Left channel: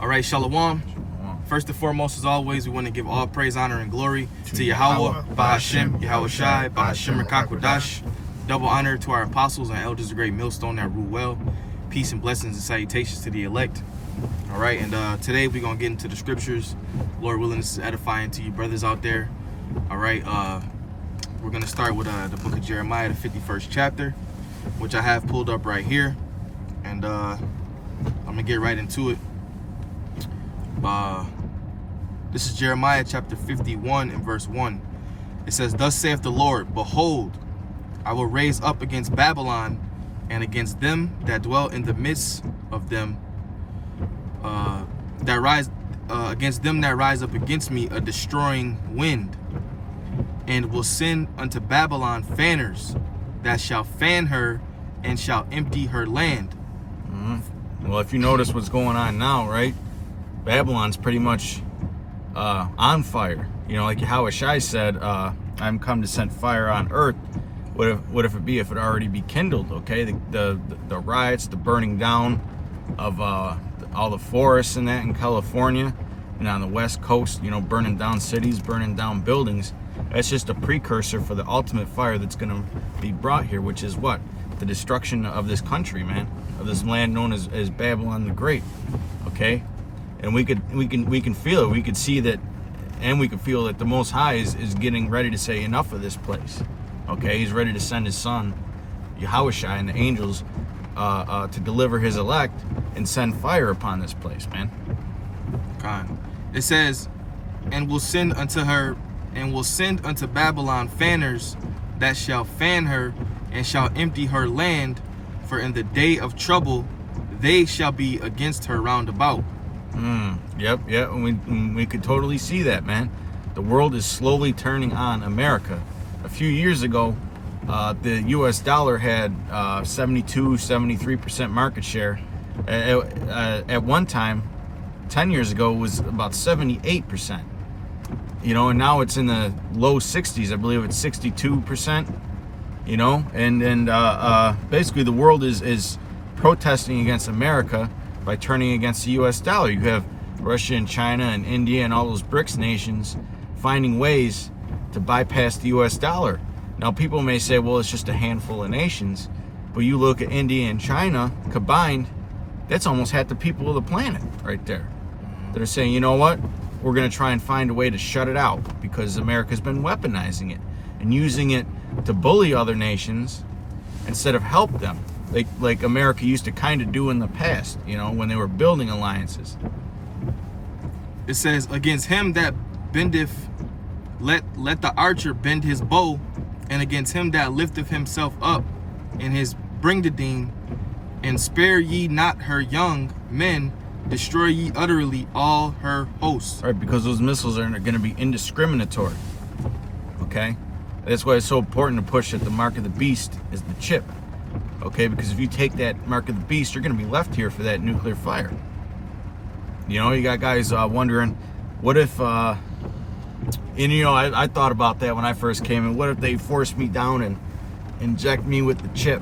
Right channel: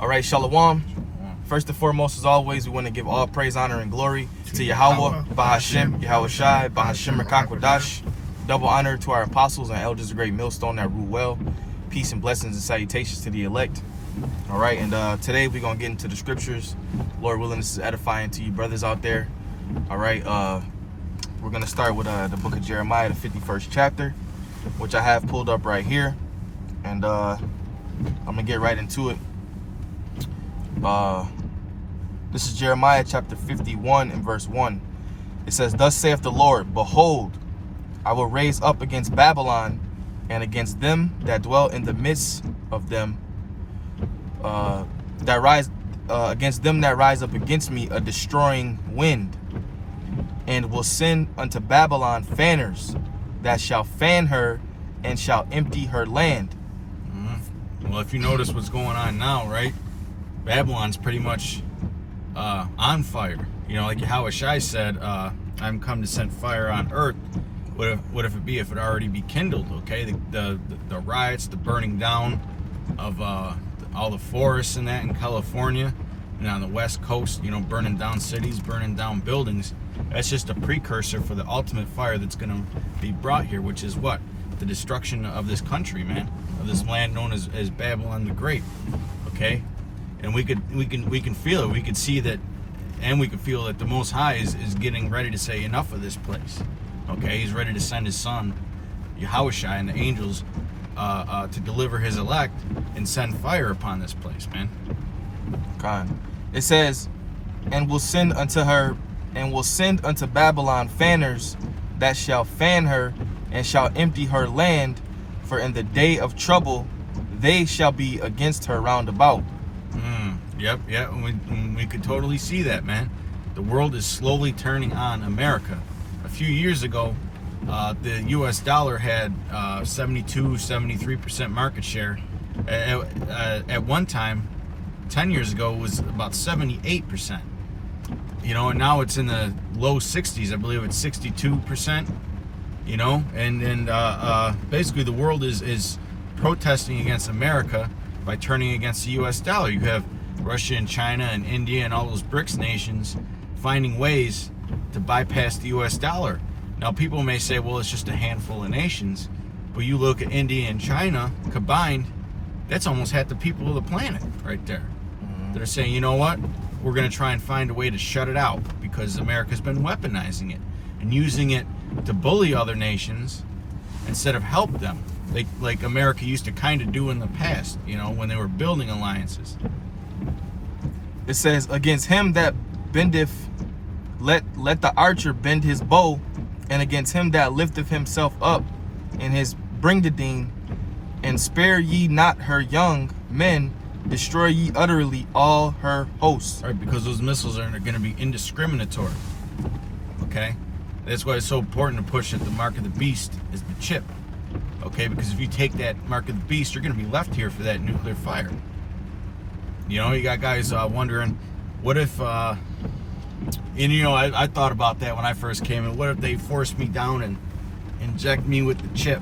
All right, Shalom. First and foremost, as always, we want to give all praise, honor, and glory to Yahweh, Bahashem, Yahweh Shai, Bahashem Rakakwadash. Double honor to our apostles and elders of Great Millstone that rule well. Peace and blessings and salutations to the elect. All right, and today we're going to get into the scriptures. Lord willing, this is edifying to you brothers out there. All right, we're going to start with the book of Jeremiah, the 51st chapter, which I have pulled up right here. And I'm going to get right into it. This is Jeremiah chapter 51 and verse 1. It says, "Thus saith the Lord, Behold, I will raise up against Babylon and against them that dwell in the midst of them, against them that rise up against me a destroying wind, and will send unto Babylon fanners that shall fan her and shall empty her land." Well, if you notice what's going on now, right? Babylon's pretty much on fire. You know, like how Shai said, I'm come to send fire on earth. What if it already be kindled, okay? The riots, the burning down of all the forests and that in California and on the West Coast, you know, burning down cities, burning down buildings. That's just a precursor for the ultimate fire that's going to be brought here, which is what? The destruction of this country, man, of this land known as Babylon the Great, okay? And we can feel it. We can see that, and we can feel that the Most High is getting ready to say enough of this place. Okay, He's ready to send His Son, Yahushua, and the angels to deliver His elect and send fire upon this place, man. It says, "And will send unto Babylon fanners that shall fan her and shall empty her land, for in the day of trouble they shall be against her round about." Yep. We could totally see that, man. The world is slowly turning on America. A few years ago, the U.S. dollar had 73% market share. At one time, 10 years ago, it was about 78%. You know, and now it's in the low 60s. I believe it's 62%. You know, and basically the world is protesting against America by turning against the U.S. dollar. You have Russia and China and India and all those BRICS nations finding ways to bypass the U.S. dollar. Now, people may say, well, it's just a handful of nations. But you look at India and China combined, that's almost half the people of the planet right there. They're saying, you know what? We're going to try and find a way to shut it out because America's been weaponizing it and using it to bully other nations instead of help them. Like America used to kind of do in the past, you know, when they were building alliances. It says, "Against him that bendeth, let the archer bend his bow, and against him that lifteth himself up in his bringdadine, and spare ye not her young men, destroy ye utterly all her hosts." Right, because those missiles are going to be indiscriminatory. Okay? That's why it's so important to push that the mark of the beast is the chip. Okay, because if you take that mark of the beast, you're going to be left here for that nuclear fire. You know, you got guys wondering, what if, and you know, I thought about that when I first came in. What if they forced me down and inject me with the chip?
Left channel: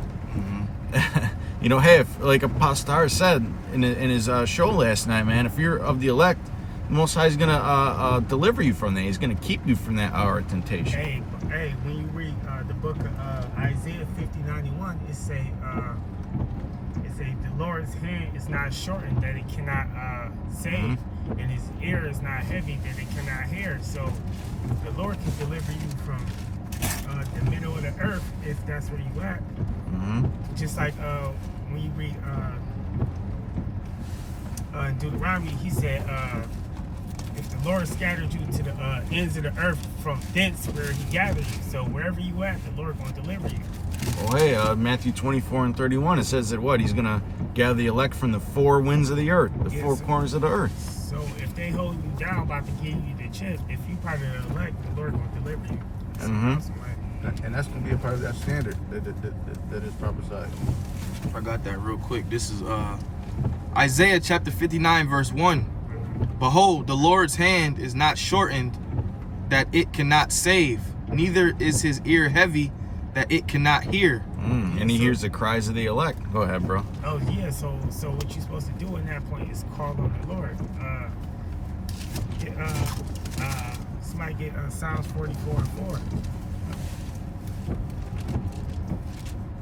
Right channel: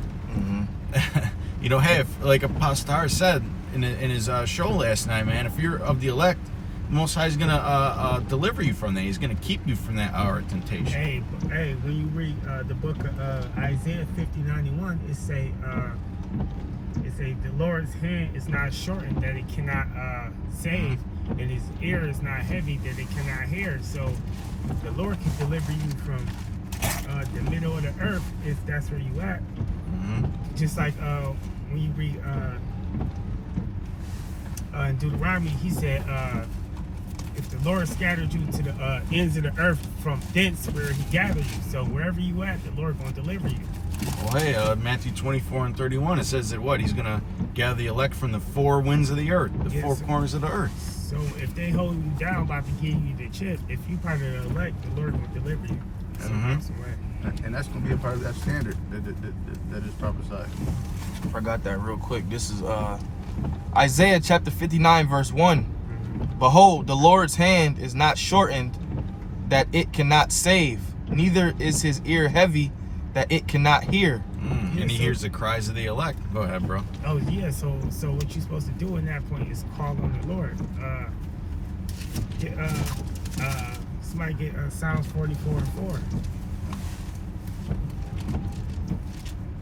You know, hey, if, like Apostar said in his show last night, man, if you're of the elect, the Most High is going to deliver you from that. He's going to keep you from that hour of temptation. Hey, when you read the book of Isaiah 50:91, it say the Lord's hand is not shortened that it cannot save, and His ear is not heavy that it cannot hear. So the Lord can deliver you from the middle of the earth if that's where you at. Just like when you read in Deuteronomy, he said, if the Lord scattered you to the ends of the earth, from thence where He gathered you. So wherever you at, the Lord going to deliver you. Well, hey, Matthew 24:31, it says that what? He's going to gather the elect from the four winds of the earth, the four corners of the earth. So if they hold you down, about to give you the chip, if you part of the elect, the Lord going to deliver you. And that's going to be a part of that standard that is prophesied. I forgot that real quick. This is Isaiah chapter 59 verse 1. "Behold, the Lord's hand is not shortened that it cannot save, neither is His ear heavy that it cannot hear. and he so- hears the cries of the elect. Go ahead, bro. Oh yeah, so what you're supposed to do in that point is call on the Lord. Somebody get Psalms 44:4.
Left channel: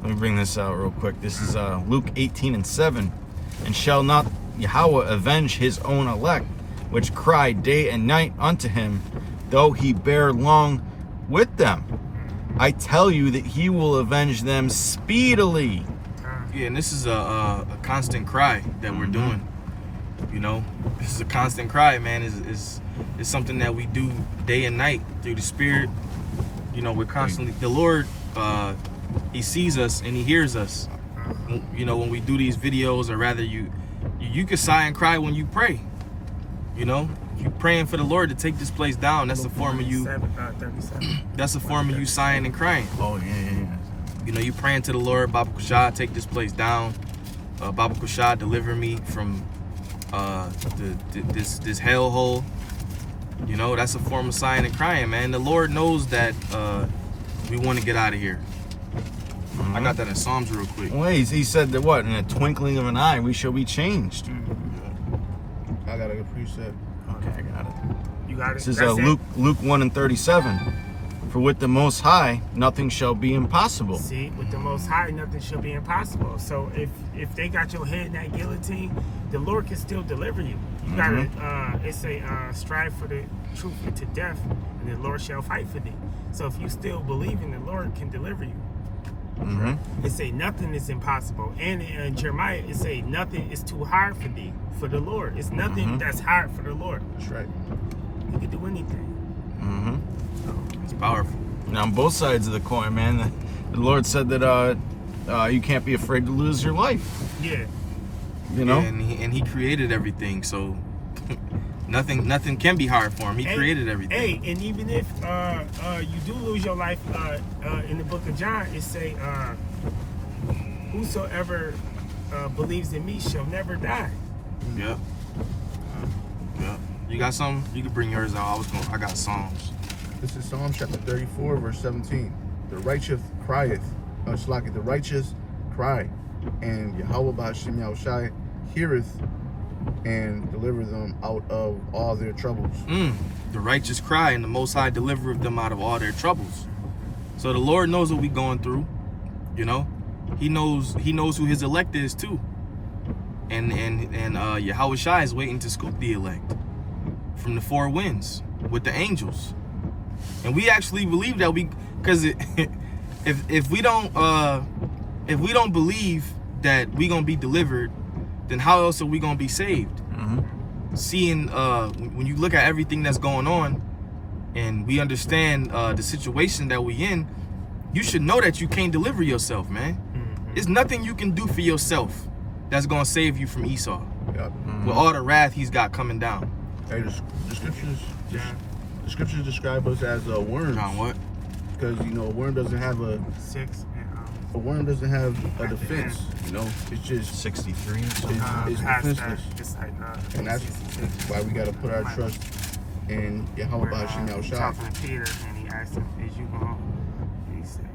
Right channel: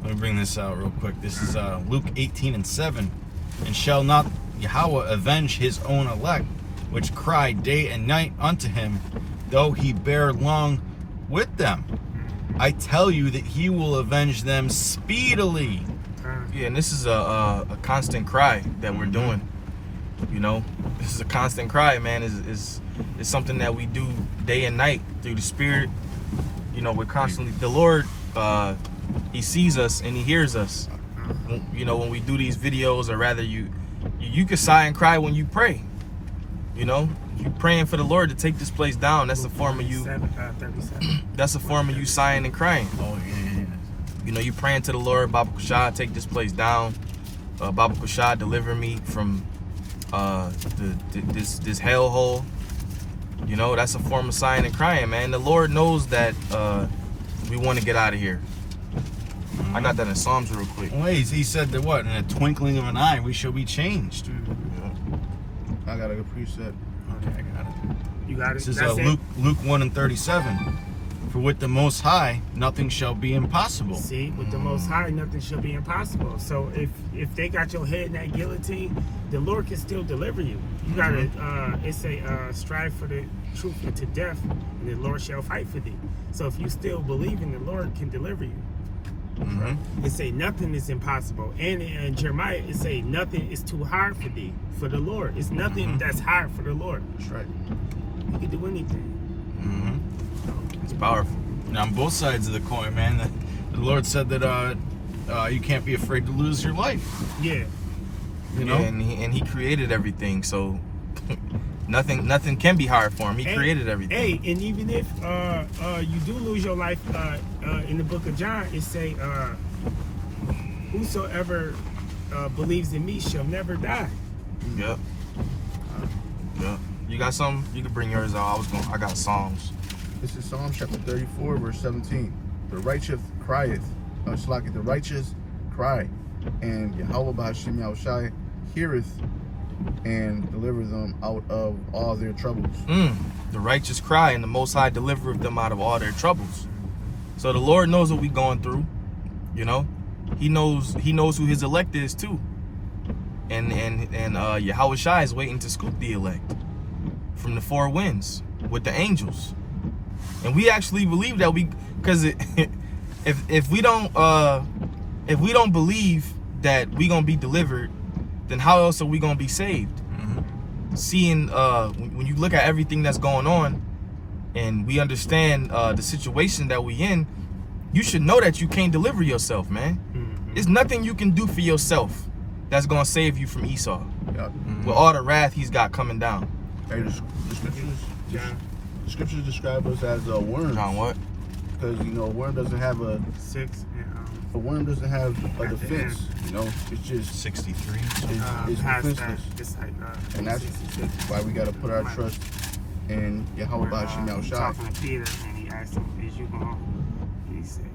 Let me bring this out real quick. This is Luke 18:7. And shall not Yahweh avenge his own elect, which cry day and night unto him, though he bear long with them? I tell you that he will avenge them speedily. Yeah, and this is a constant cry that we're doing. You know, this is a constant cry, man. Is something that we do day and night through the Spirit. You know, we're constantly, the Lord, he sees us and he hears us. You know, when we do these videos, or rather you can sigh and cry when you pray. You know, you praying for the Lord to take this place down. That's a form of you. 37. That's a form of you sighing and crying. Oh, yeah. You know, you praying to the Lord, Baba Kushah, take this place down. Baba Kushah, deliver me from this hellhole. You know, that's a form of sighing and crying, man. The Lord knows that we want to get out of here. I got that in Psalms real quick. Well, he said that what? In a twinkling of an eye, we shall be changed. I got a good preset. Okay, I got it. You got it. This is That's it? Luke 1:37. For with the Most High, nothing shall be impossible. See, with the Most High, nothing shall be impossible. So if they got your head in that guillotine, the Lord can still deliver you. You gotta, it's a strive for the truth unto death, and the Lord shall fight for thee. So if you still believe in the Lord can deliver you. It say nothing is impossible, and in Jeremiah it say nothing is too hard for thee, for the Lord. It's nothing that's hard for the Lord. That's right. You can do anything. It's powerful. And on both sides of the coin, man, the Lord said that you can't be afraid to lose your life. Yeah. You know? Yeah, and he created everything, so nothing can be hard for him. He created everything. Hey, and even if you do lose your life, in the book of John, it say, whosoever believes in me shall never die. Yep. Yep. You got something? You can bring yours out. I got Psalms. This is Psalm chapter 34, verse 17. The righteous crieth, the righteous cry, and Yahweh B'Hashem Yahushai heareth and deliver them out of all their troubles. The righteous cry, and the Most High delivereth them out of all their troubles. So the Lord knows what we're going through. You know, He knows who His elect is too. And Yahweh Shai is waiting to scoop the elect from the four winds with the angels. And we actually believe that because if we don't believe that we gonna be delivered, then how else are we gonna be saved? Seeing when you look at everything that's going on, and we understand the situation that we in, you should know that you can't deliver yourself, man. There's nothing you can do for yourself that's gonna save you from Esau. Yep. With all the wrath he's got coming down. Hey, the scriptures describe us as worms. John, what? Because a worm doesn't have a 6 a defense. You know, it's just 63. it's past that, defenseless. it's like And that's 66. why we gotta put our trust in Yahweh Where, B'Hashem Yahushai. talking to Peter, and he asked him, "Is you going?" And he said,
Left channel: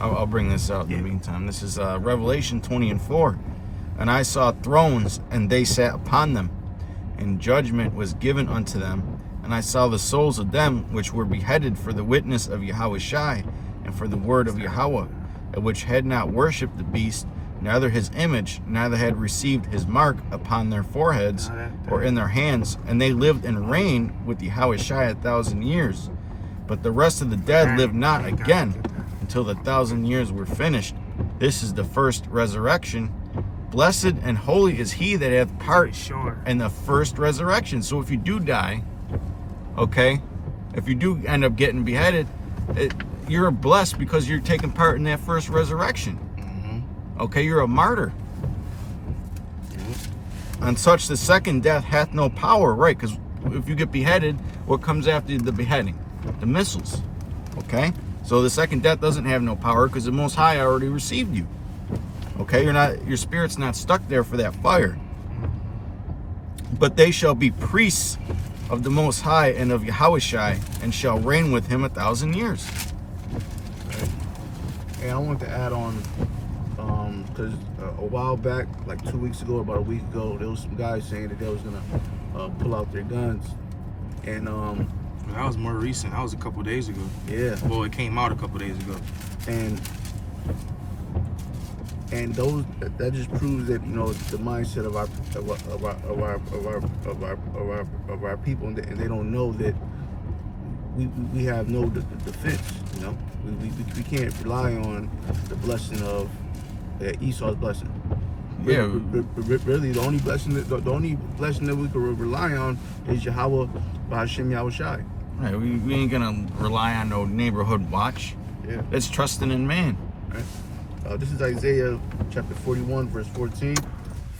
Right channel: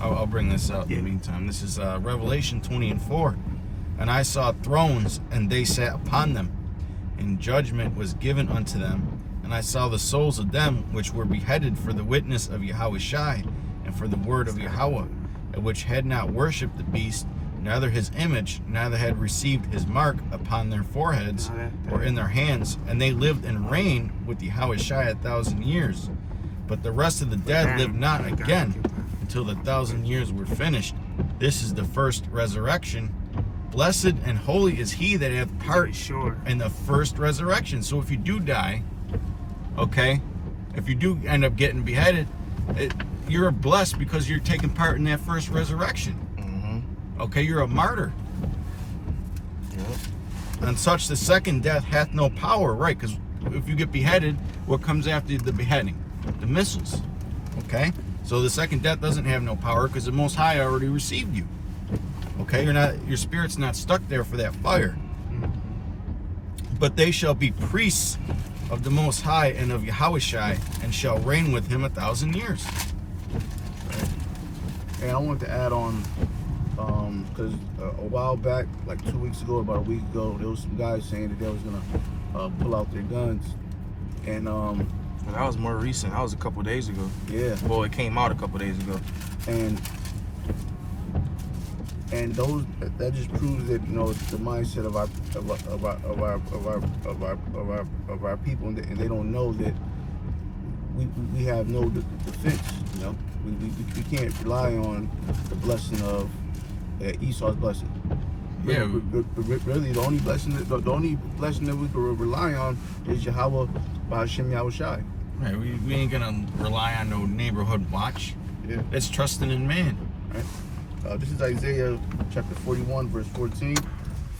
I'll bring this out in the meantime. This is Revelation 20:4. And I saw thrones, and they sat upon them, and judgment was given unto them. And I saw the souls of them which were beheaded for the witness of Yahweh Shai, and for the word of Yahweh, which had not worshipped the beast, neither his image, neither had received his mark upon their foreheads or in their hands. And they lived and reigned with Yahweh Shai 1,000 years. But the rest of the dead lived not again until the 1,000 years were finished. This is the first resurrection. Blessed and holy is he that hath part in the first resurrection. So if you do die, okay, if you do end up getting beheaded, you're blessed because you're taking part in that first resurrection. Okay, you're a martyr. And such the second death hath no power, right? Because if you get beheaded, what comes after the beheading? The missiles. Okay, so the second death doesn't have no power because the Most High already received you. Okay, your spirit's not stuck there for that fire. But they shall be priests of the Most High and of Yahweh Shai, and shall reign with him 1,000 years. And I wanted to add on, because a while back, like 2 weeks ago, about a week ago, there was some guys saying that they was gonna pull out their guns, and that was more recent. That was a couple days ago. yeah, Well, it came out a couple days ago. and those that just proves that, you know, the mindset of our people, and they don't know that we have no defense. You know, we can't rely on the blessing of Esau's blessing. Yeah. Really, the only blessing that we can rely on is Yahweh Bahashim Yahweh Shai. Right, we ain't gonna rely on no neighborhood watch. Yeah. It's trusting in man. Right. This is Isaiah chapter 41, verse 14.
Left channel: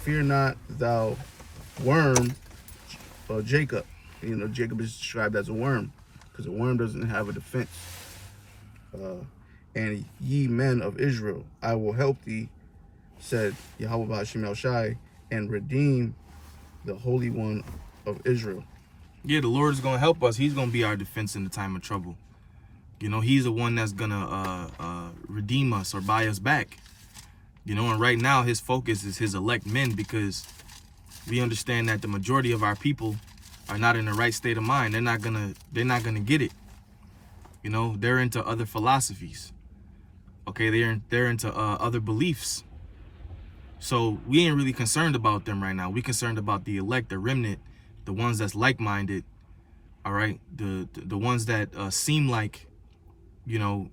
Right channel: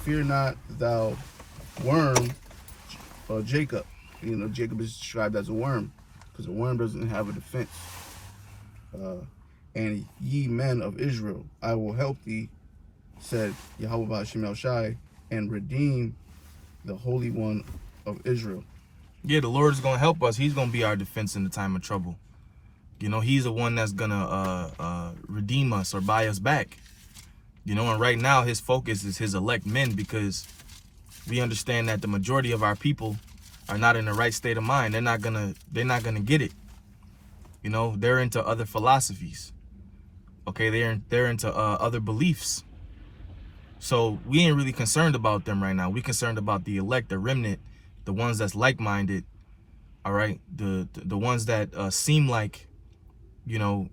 Fear not, thou worm, Jacob. You know, Jacob is described as a worm because a worm doesn't have a defense. And ye men of Israel, I will help thee, said Yahweh Bahashim El Shai, and redeem the Holy One of Israel. Yeah, the Lord is going to help us. He's going to be our defense in the time of trouble. You know, he's the one that's going to redeem us or buy us back. You know, and right now his focus is his elect men, because we understand that the majority of our people are not in the right state of mind. They're not going to get it. You know, they're into other philosophies. Okay, they're into other beliefs. So we ain't really concerned about them right now. We concerned about the elect, the remnant, the ones that's like-minded. All right, the ones that seem like, you know,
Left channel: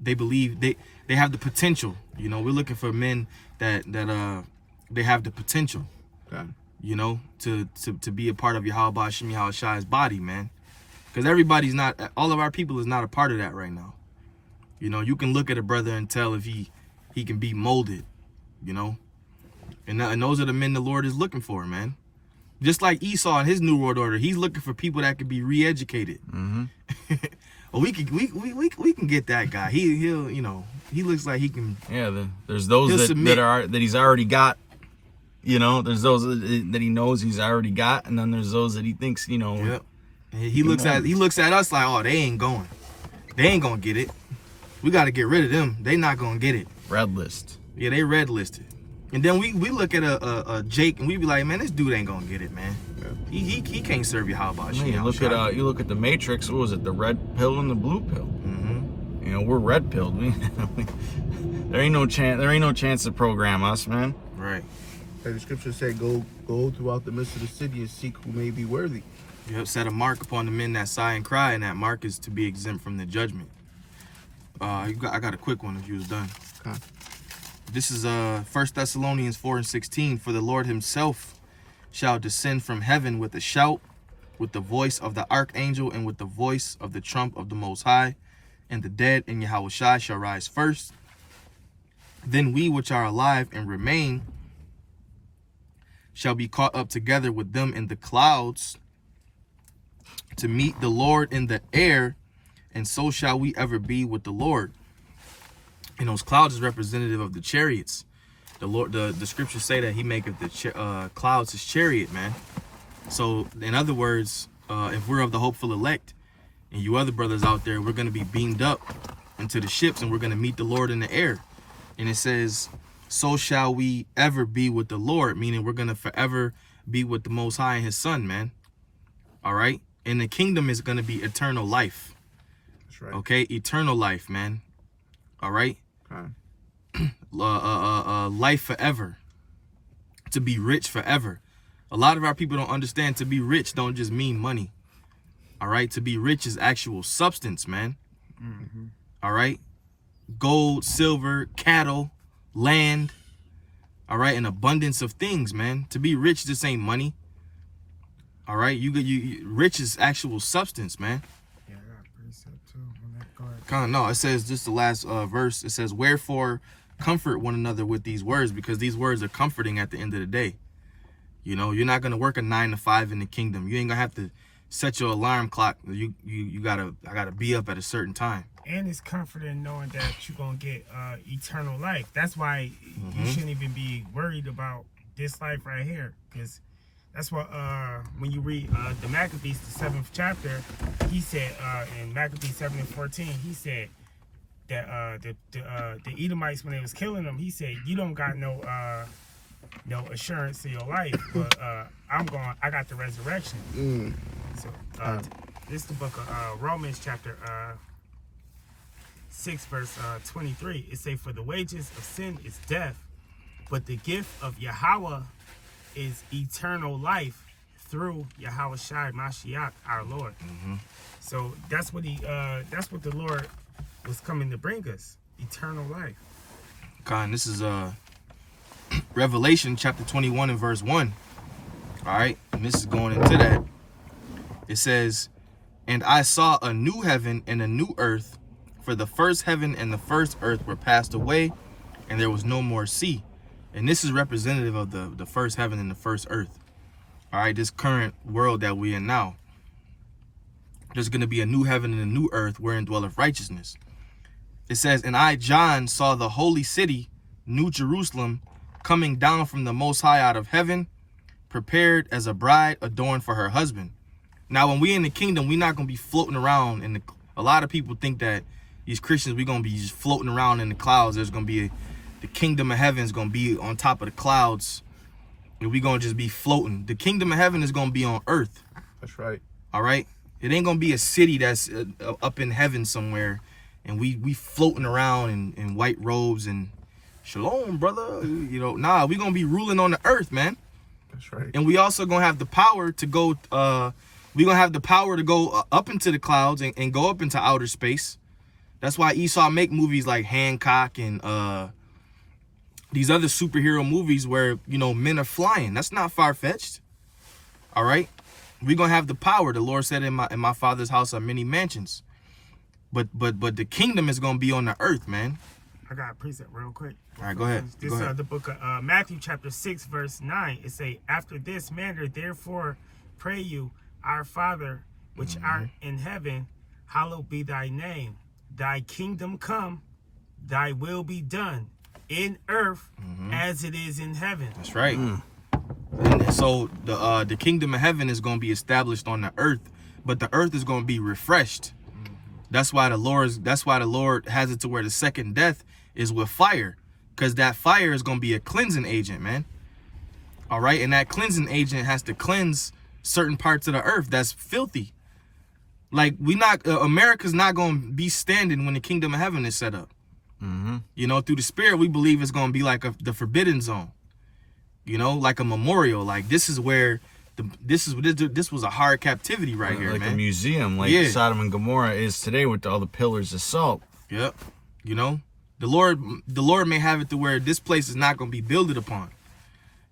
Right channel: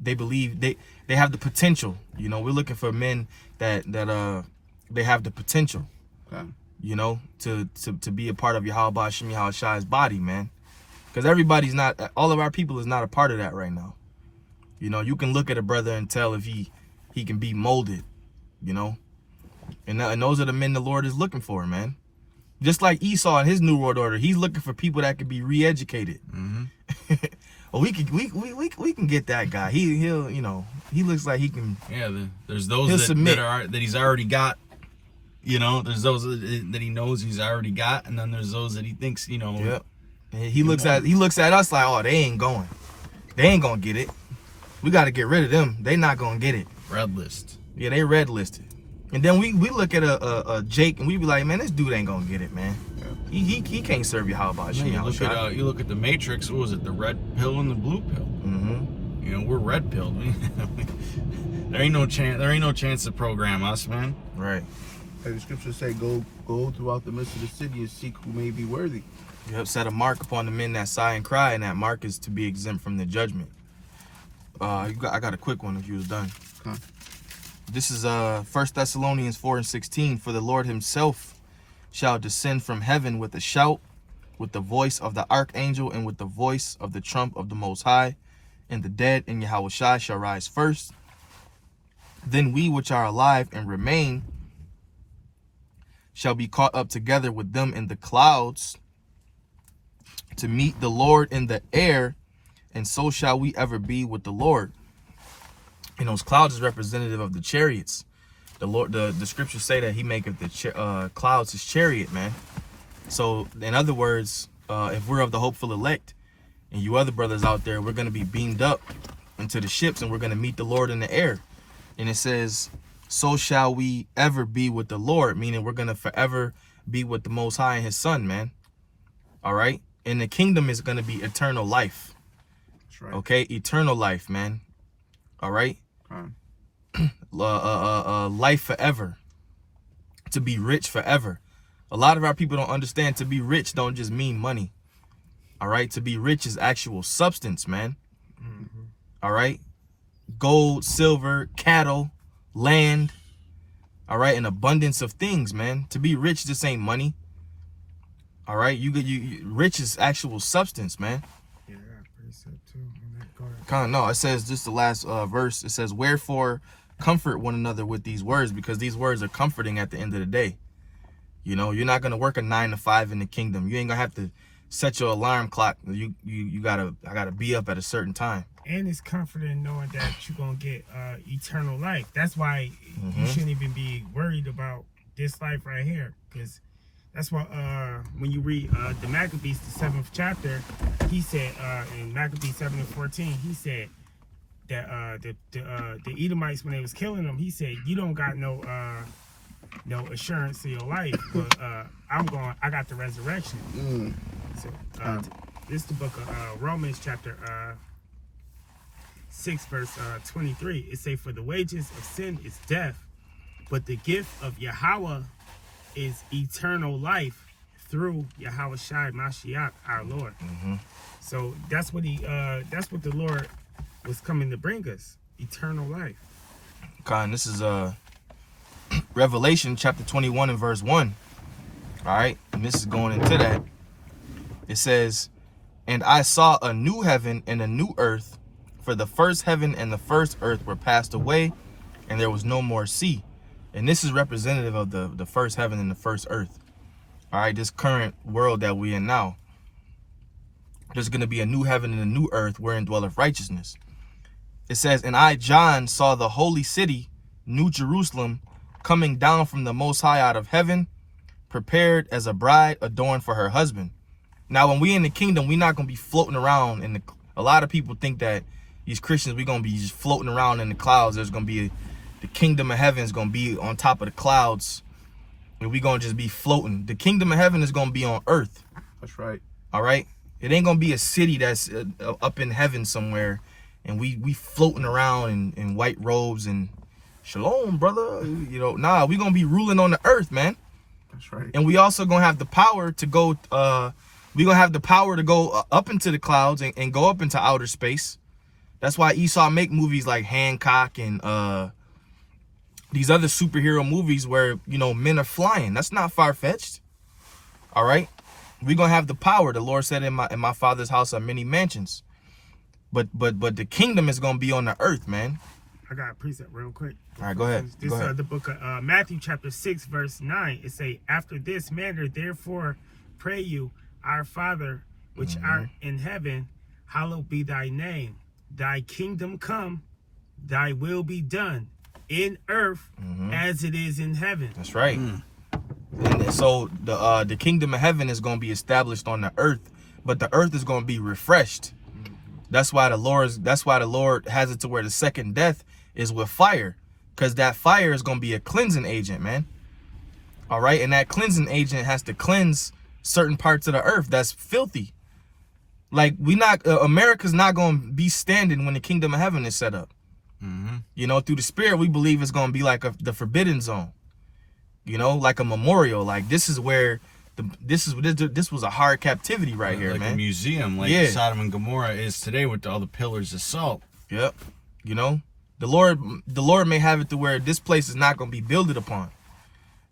they believe they have the potential. You know, we're looking for men that they have the potential. Okay. You know, to be a part of Yahweh Bahashim Yahweh Shai's body, man. Because everybody's not, all of our people is not a part of that right now. You know, you can look at a brother and tell if he can be molded, you know. And those are the men the Lord is looking for, man. Just like Esau in his New World Order, he's looking for people that can be re-educated. Mm-hmm. Well, we can get that guy. He'll you know, he looks like he can. Yeah, there's those that he's already got. You know, there's those that he knows he's already got, and then there's those that he thinks, you know. Yep. And he looks at us like, oh, they ain't going. They ain't gonna get it. We got to get rid of them. They not gonna get it. Red list. Yeah, they red listed. And then we look at a Jake and we be like, man, this dude ain't gonna get it, man. Yeah. He can't serve you. How about you? You look at the Matrix. What was it? The red pill and the blue pill. Mm-hmm. You know, we're red pilled. There ain't no chance. There ain't no chance to program us, man. Right. Hey, the scriptures say, go throughout the midst of the city and seek who may be worthy. You have set a mark upon the men that sigh and cry, and that mark is to be exempt from the judgment. I got a quick one if you was done. Okay. This is 1 Thessalonians 4:16. For the Lord himself shall descend from heaven with a shout, with the voice of the archangel, and with the voice of the trump of the Most High, and the dead in Yahweh Shai shall rise first. Then we which are alive and remain shall be caught up together with them in the clouds to meet the Lord in the air, and so shall we ever be with the Lord. And those clouds is representative of the chariots. The Lord, the scriptures say that he maketh the clouds his chariot, man. So in other words, if we're of the hopeful elect, and you other brothers out there, we're going to be beamed up into the ships, and we're going to meet the Lord in the air. And it says, so shall we ever be with the Lord, meaning we're going to forever be with the Most High and his son, man. All right. And the kingdom is going to be eternal life. That's right. Okay. Eternal life, man. All right. Life forever. To be rich forever. A lot of our people don't understand to be rich don't just mean money. All right. To be rich is actual substance, man. Mm-hmm. All right. Gold, silver, cattle, land. All right. An abundance of things, man. To be rich, this ain't money. All right. You rich is actual substance, man. Yeah, I got a precept too on that card. Kind of, no, it says, just the last verse, it says, wherefore comfort one another with these words, because these words are comforting at the end of the day. You know, you're not going to work a 9 to 5 in the kingdom. You ain't going to have to set your alarm clock. I gotta be up at a certain time. And it's comforting knowing that you're going to get eternal life. That's why you shouldn't even be worried about this life right here. Because that's what, when you read the Maccabees, the 7th chapter, he said, in Maccabees 7:14, he said, that the Edomites, when they was killing them, he said, "You don't got no assurance of your life, but I got the resurrection." So this is the book of Romans chapter 6 verse 23. It say, "For the wages of sin is death, but the gift of Yahweh is eternal life through Yahweh Shai Mashiach our Lord." So that's what the Lord was coming to bring us, eternal life. Con, this is Revelation chapter 21 and verse 1. All right, and this is going into that. It says, "And I saw a new heaven and a new earth, for the first heaven and the first earth were passed away, and there was no more sea." And this is representative of the first heaven and the first earth. All right, this current world that we're in now. There's going to be a new heaven and a new earth wherein dwelleth righteousness. It says, "And I, John, saw the holy city, New Jerusalem, coming down from the Most High out of heaven, prepared as a bride adorned for her husband." Now, when we in the kingdom, we're not going to be floating around. A lot of people think that these Christians, we're going to be just floating around in the clouds. There's going to be the kingdom of heaven is going to be on top of the clouds, and we're going to just be floating. The kingdom of heaven is going to be on earth. That's right. All right? It ain't going to be a city that's up in heaven somewhere, and we floating around in white robes and shalom, brother. Nah, we're going to be ruling on the earth, man. That's right. And we also going to have the power to go, we're going to have the power to go up into the clouds and go up into outer space. That's why Esau make movies like Hancock and these other superhero movies where, men are flying. That's not far-fetched. All right? We're going to have the power. The Lord said in my Father's house are many mansions. But the kingdom is going to be on the earth, man. I got a precept real quick. All right, go ahead. This is the book of Matthew chapter 6 verse 9. It say, "After this manner, therefore, pray you, our Father, which art in heaven, hallowed be thy name. Thy kingdom come, thy will be done, in earth as it is in heaven." That's right. And so the kingdom of heaven is going to be established on the earth, but the earth is going to be refreshed. That's why the Lord has it to where the second death is with fire, because that fire is going to be a cleansing agent, man. All right, and that cleansing agent has to cleanse certain parts of the earth that's filthy. Like America's not going to be standing when the kingdom of heaven is set up. Through the Spirit, we believe it's going to be like the forbidden zone. Like a memorial. Like this is where this was a hard captivity right here, like man. A museum, like Sodom and Gomorrah is today with all the pillars of salt. Yep. The Lord may have it to where this place is not going to be builded upon.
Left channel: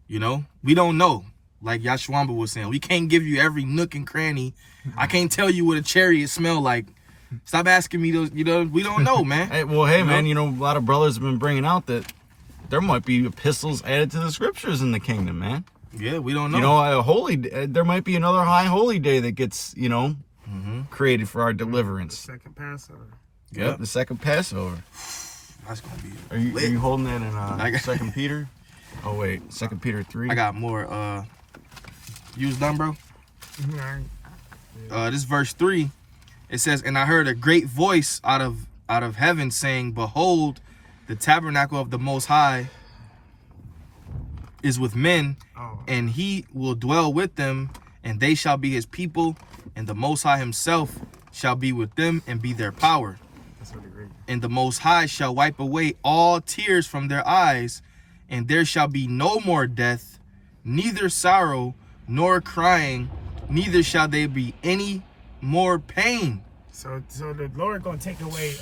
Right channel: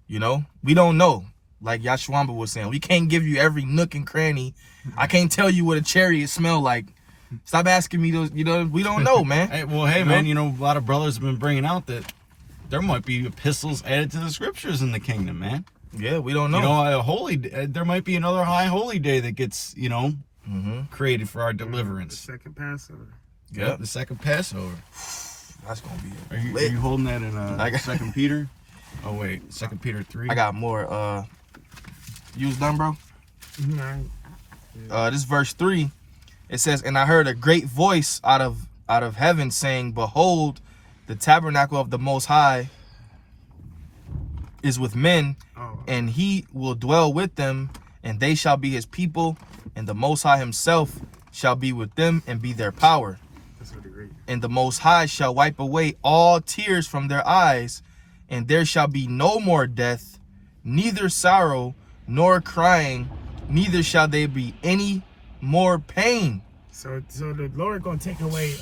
We don't know. Like Yashwamba was saying, we can't give you every nook and cranny. I can't tell you what a chariot smell like. Stop asking me those. We don't know, man. Hey, man, a lot of brothers have been bringing out that there might be epistles added to the scriptures in the kingdom, man. Yeah, we don't know. There might be another high holy day that gets, created for our deliverance. The second Passover. Yep, the second Passover. That's gonna be. Are you holding that in 2 Peter? Oh wait, 2 Peter 3. I got more. You was done, bro? This verse 3. It says, "And I heard a great voice out of heaven saying, Behold, the tabernacle of the Most High is with men, and he will dwell with them, and they shall be his people, and the Most High himself shall be with them and be their power. That's really great. And the Most High shall wipe away all tears from their eyes, and there shall be no more death, neither sorrow nor crying, neither shall there be any more pain." So the Lord gonna take away.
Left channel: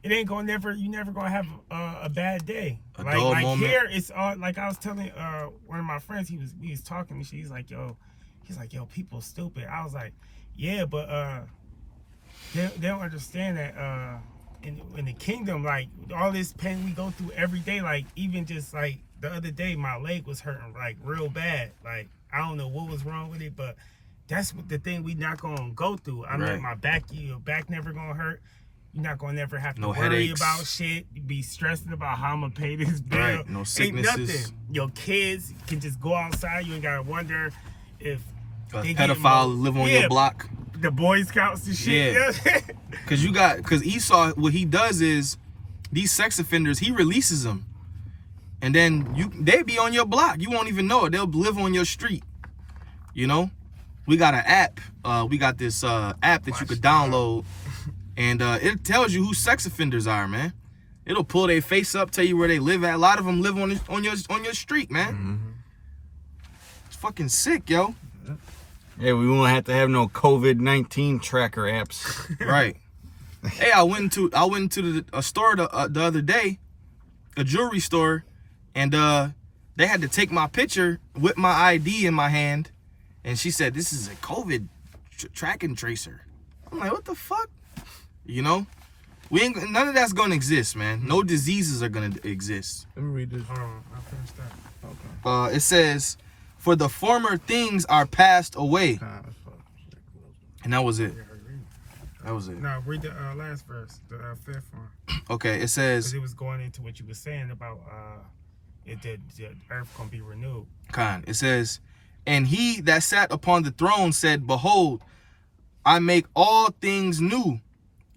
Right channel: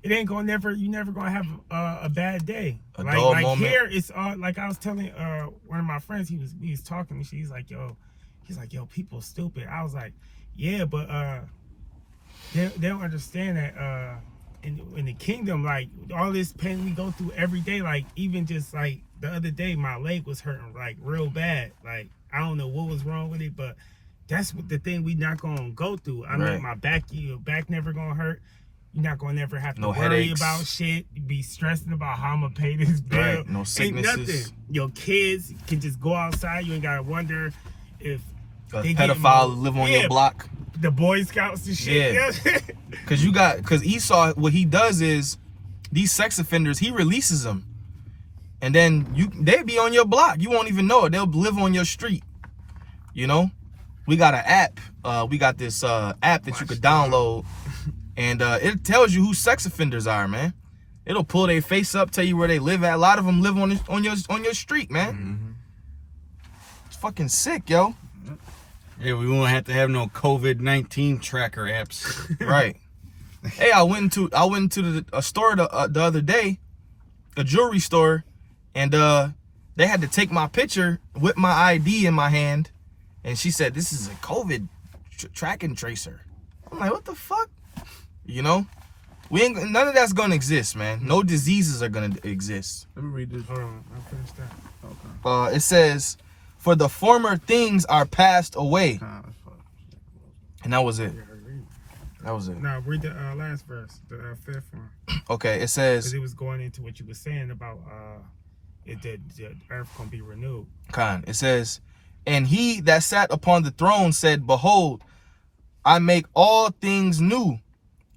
It ain't gonna you never gonna have a bad day. A dull moment. Here it's like I was telling one of my friends. He was talking to me. He's like, yo, people stupid. I was like, yeah, but they don't understand that in the kingdom, like all this pain we go through every day, like even just like the other day, my leg was hurting like real bad. Like I don't know what was wrong with it, but that's what the thing we not gonna go through. I mean, my back, your back never gonna hurt. You're not gonna never have to worry headaches. about shit. You be stressing about how I'm gonna pay this bill. Right. No sicknesses. Ain't nothing. Your kids can just go outside. You ain't gotta wonder if a pedophile live on your block. The Boy Scouts and shit. Yeah. Cause Esau, what he does is these sex offenders, he releases them. And then they'll be on your block. You won't even know it. They'll live on your street. You know? We got an app. We got this app that you could download. And it tells you who sex offenders are, man. It'll pull their face up, tell you where they live at. A lot of them live on your street, man. Mm-hmm. It's fucking sick, yo. Yeah, we won't have to have no COVID-19 tracker apps. Right. Hey, I went into a store the other day, a jewelry store, and they had to take my picture with my ID in my hand, and she said, "This is a COVID tracking tracer." I'm like, what the fuck? You know, none of that's gonna exist, man. No diseases are gonna exist. Let me read this. Hold on, I'll finish that. Okay. It says, "For the former things are passed away," and that was it. Yeah, read. That was it. Now read the last verse, the fifth one. Okay, it Because says, it was going into what you were saying about the earth gonna be renewed. It says, "And he that sat upon the throne said, Behold, I make all things new.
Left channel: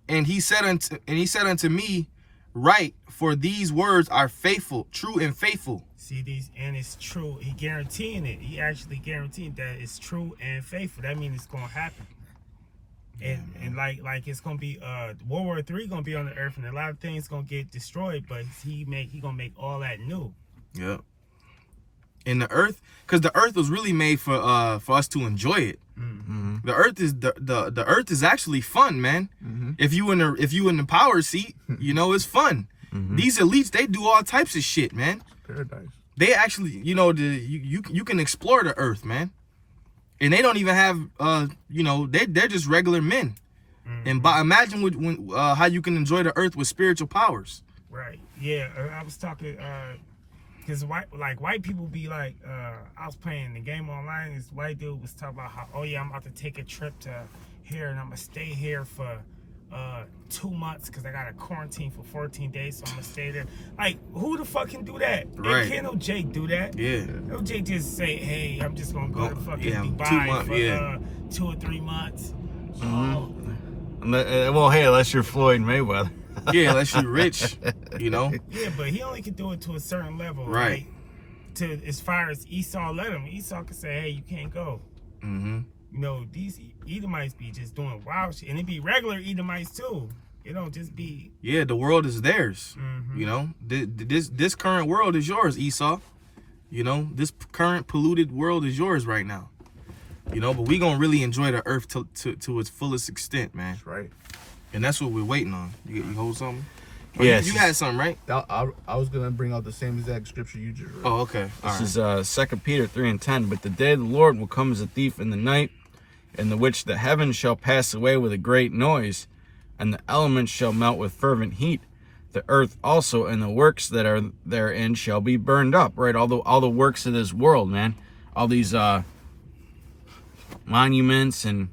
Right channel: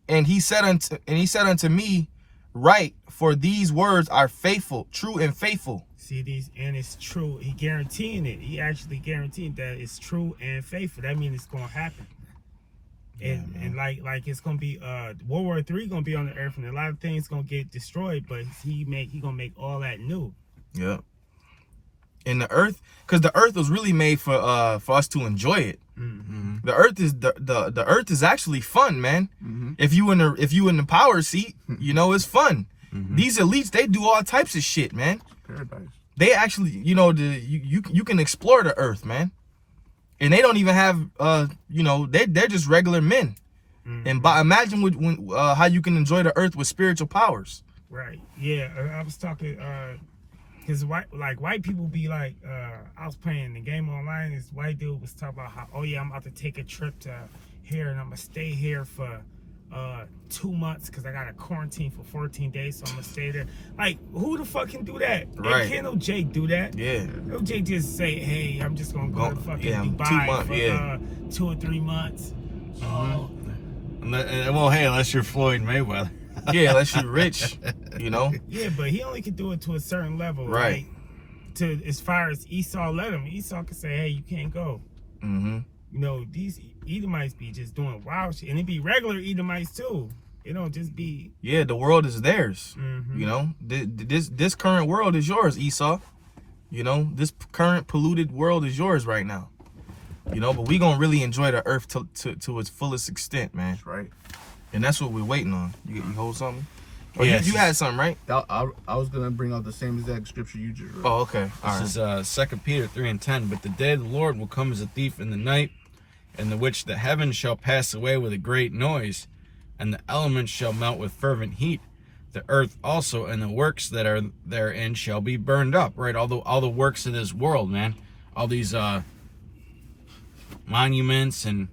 And he said unto me, Write, for these words are faithful, true and faithful." See these, and it's true. He guaranteeing it. He actually guaranteeing that it's true and faithful. That means it's gonna happen. And like it's gonna be World War III gonna be on the earth, and a lot of things gonna get destroyed. But he gonna make all that new. Yeah. And the earth, because the earth was really made for us to enjoy it. Mm-hmm. The earth is the earth is actually fun, man. Mm-hmm. If you in the power seat, you know it's fun. Mm-hmm. These elites, they do all types of shit, man. Paradise. They actually, you can explore the earth, man. And they don't even have they're just regular men. Mm-hmm. And imagine when how you can enjoy the earth with spiritual powers. Right. Yeah. I was talking because white people be like, I was playing the game online. This white dude was talking about how, oh yeah, I'm about to take a trip to here and I'm gonna stay here for 2 months because I got a quarantine for 14 days, so I'm gonna stay there. Like, who the fuck can do that? Right. Can't no Jake do that. Yeah. No Jake just say, hey, I'm just gonna go to fucking 2 Dubai months, for 2 or 3 months. Well, hey, unless you're Floyd Mayweather. Yeah, unless you're rich, you know. Yeah, but he only can do it to a certain level, Right. To as far as Esau let him. Esau can say, hey, you can't go. Mm-hmm. You know, these Edomites be just doing wild shit, and it be regular Edomites too. It don't just be. Yeah, the world is theirs. Mhm. You know, this current world is yours, Esau. You know, this current polluted world is yours right now. You know, but we gonna really enjoy the earth to its fullest extent, man. That's right. And that's what we're waiting on. You hold something? Oh, Yeah, you had something, right? I was gonna bring out the same exact scripture you just read. Oh, okay. All right. This is 2 Peter 3:10. But the day of the Lord will come as a thief in the night, in the which the heavens shall pass away with a great noise, and the elements shall melt with fervent heat. The earth also and the works that are therein shall be burned up. Right, all the works of this world, man. All these monuments and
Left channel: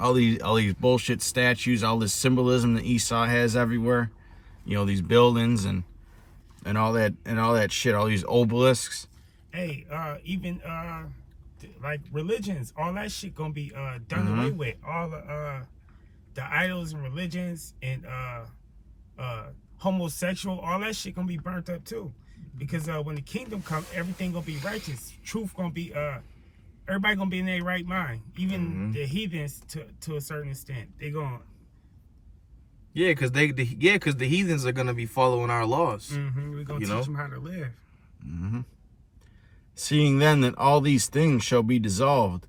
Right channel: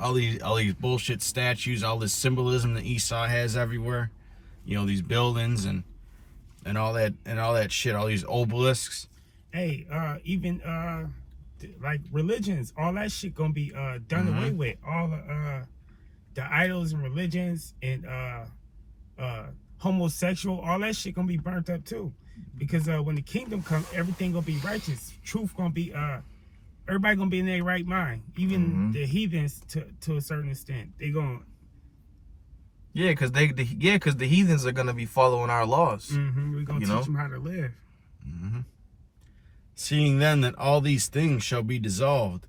all these bullshit statues, all this symbolism that Esau has everywhere. You know, these buildings and all that shit, all these obelisks. Hey, even like religions, all that shit gonna be done away with. All the idols and religions and homosexual, all that shit gonna be burnt up too. Because when the kingdom comes, everything gonna be righteous. Truth gonna be everybody gonna be in their right mind. Even the heathens to a certain extent. They gonna Yeah, because the heathens are gonna be following our laws. we're gonna You teach know? them how to live. Seeing then that all these things shall be dissolved,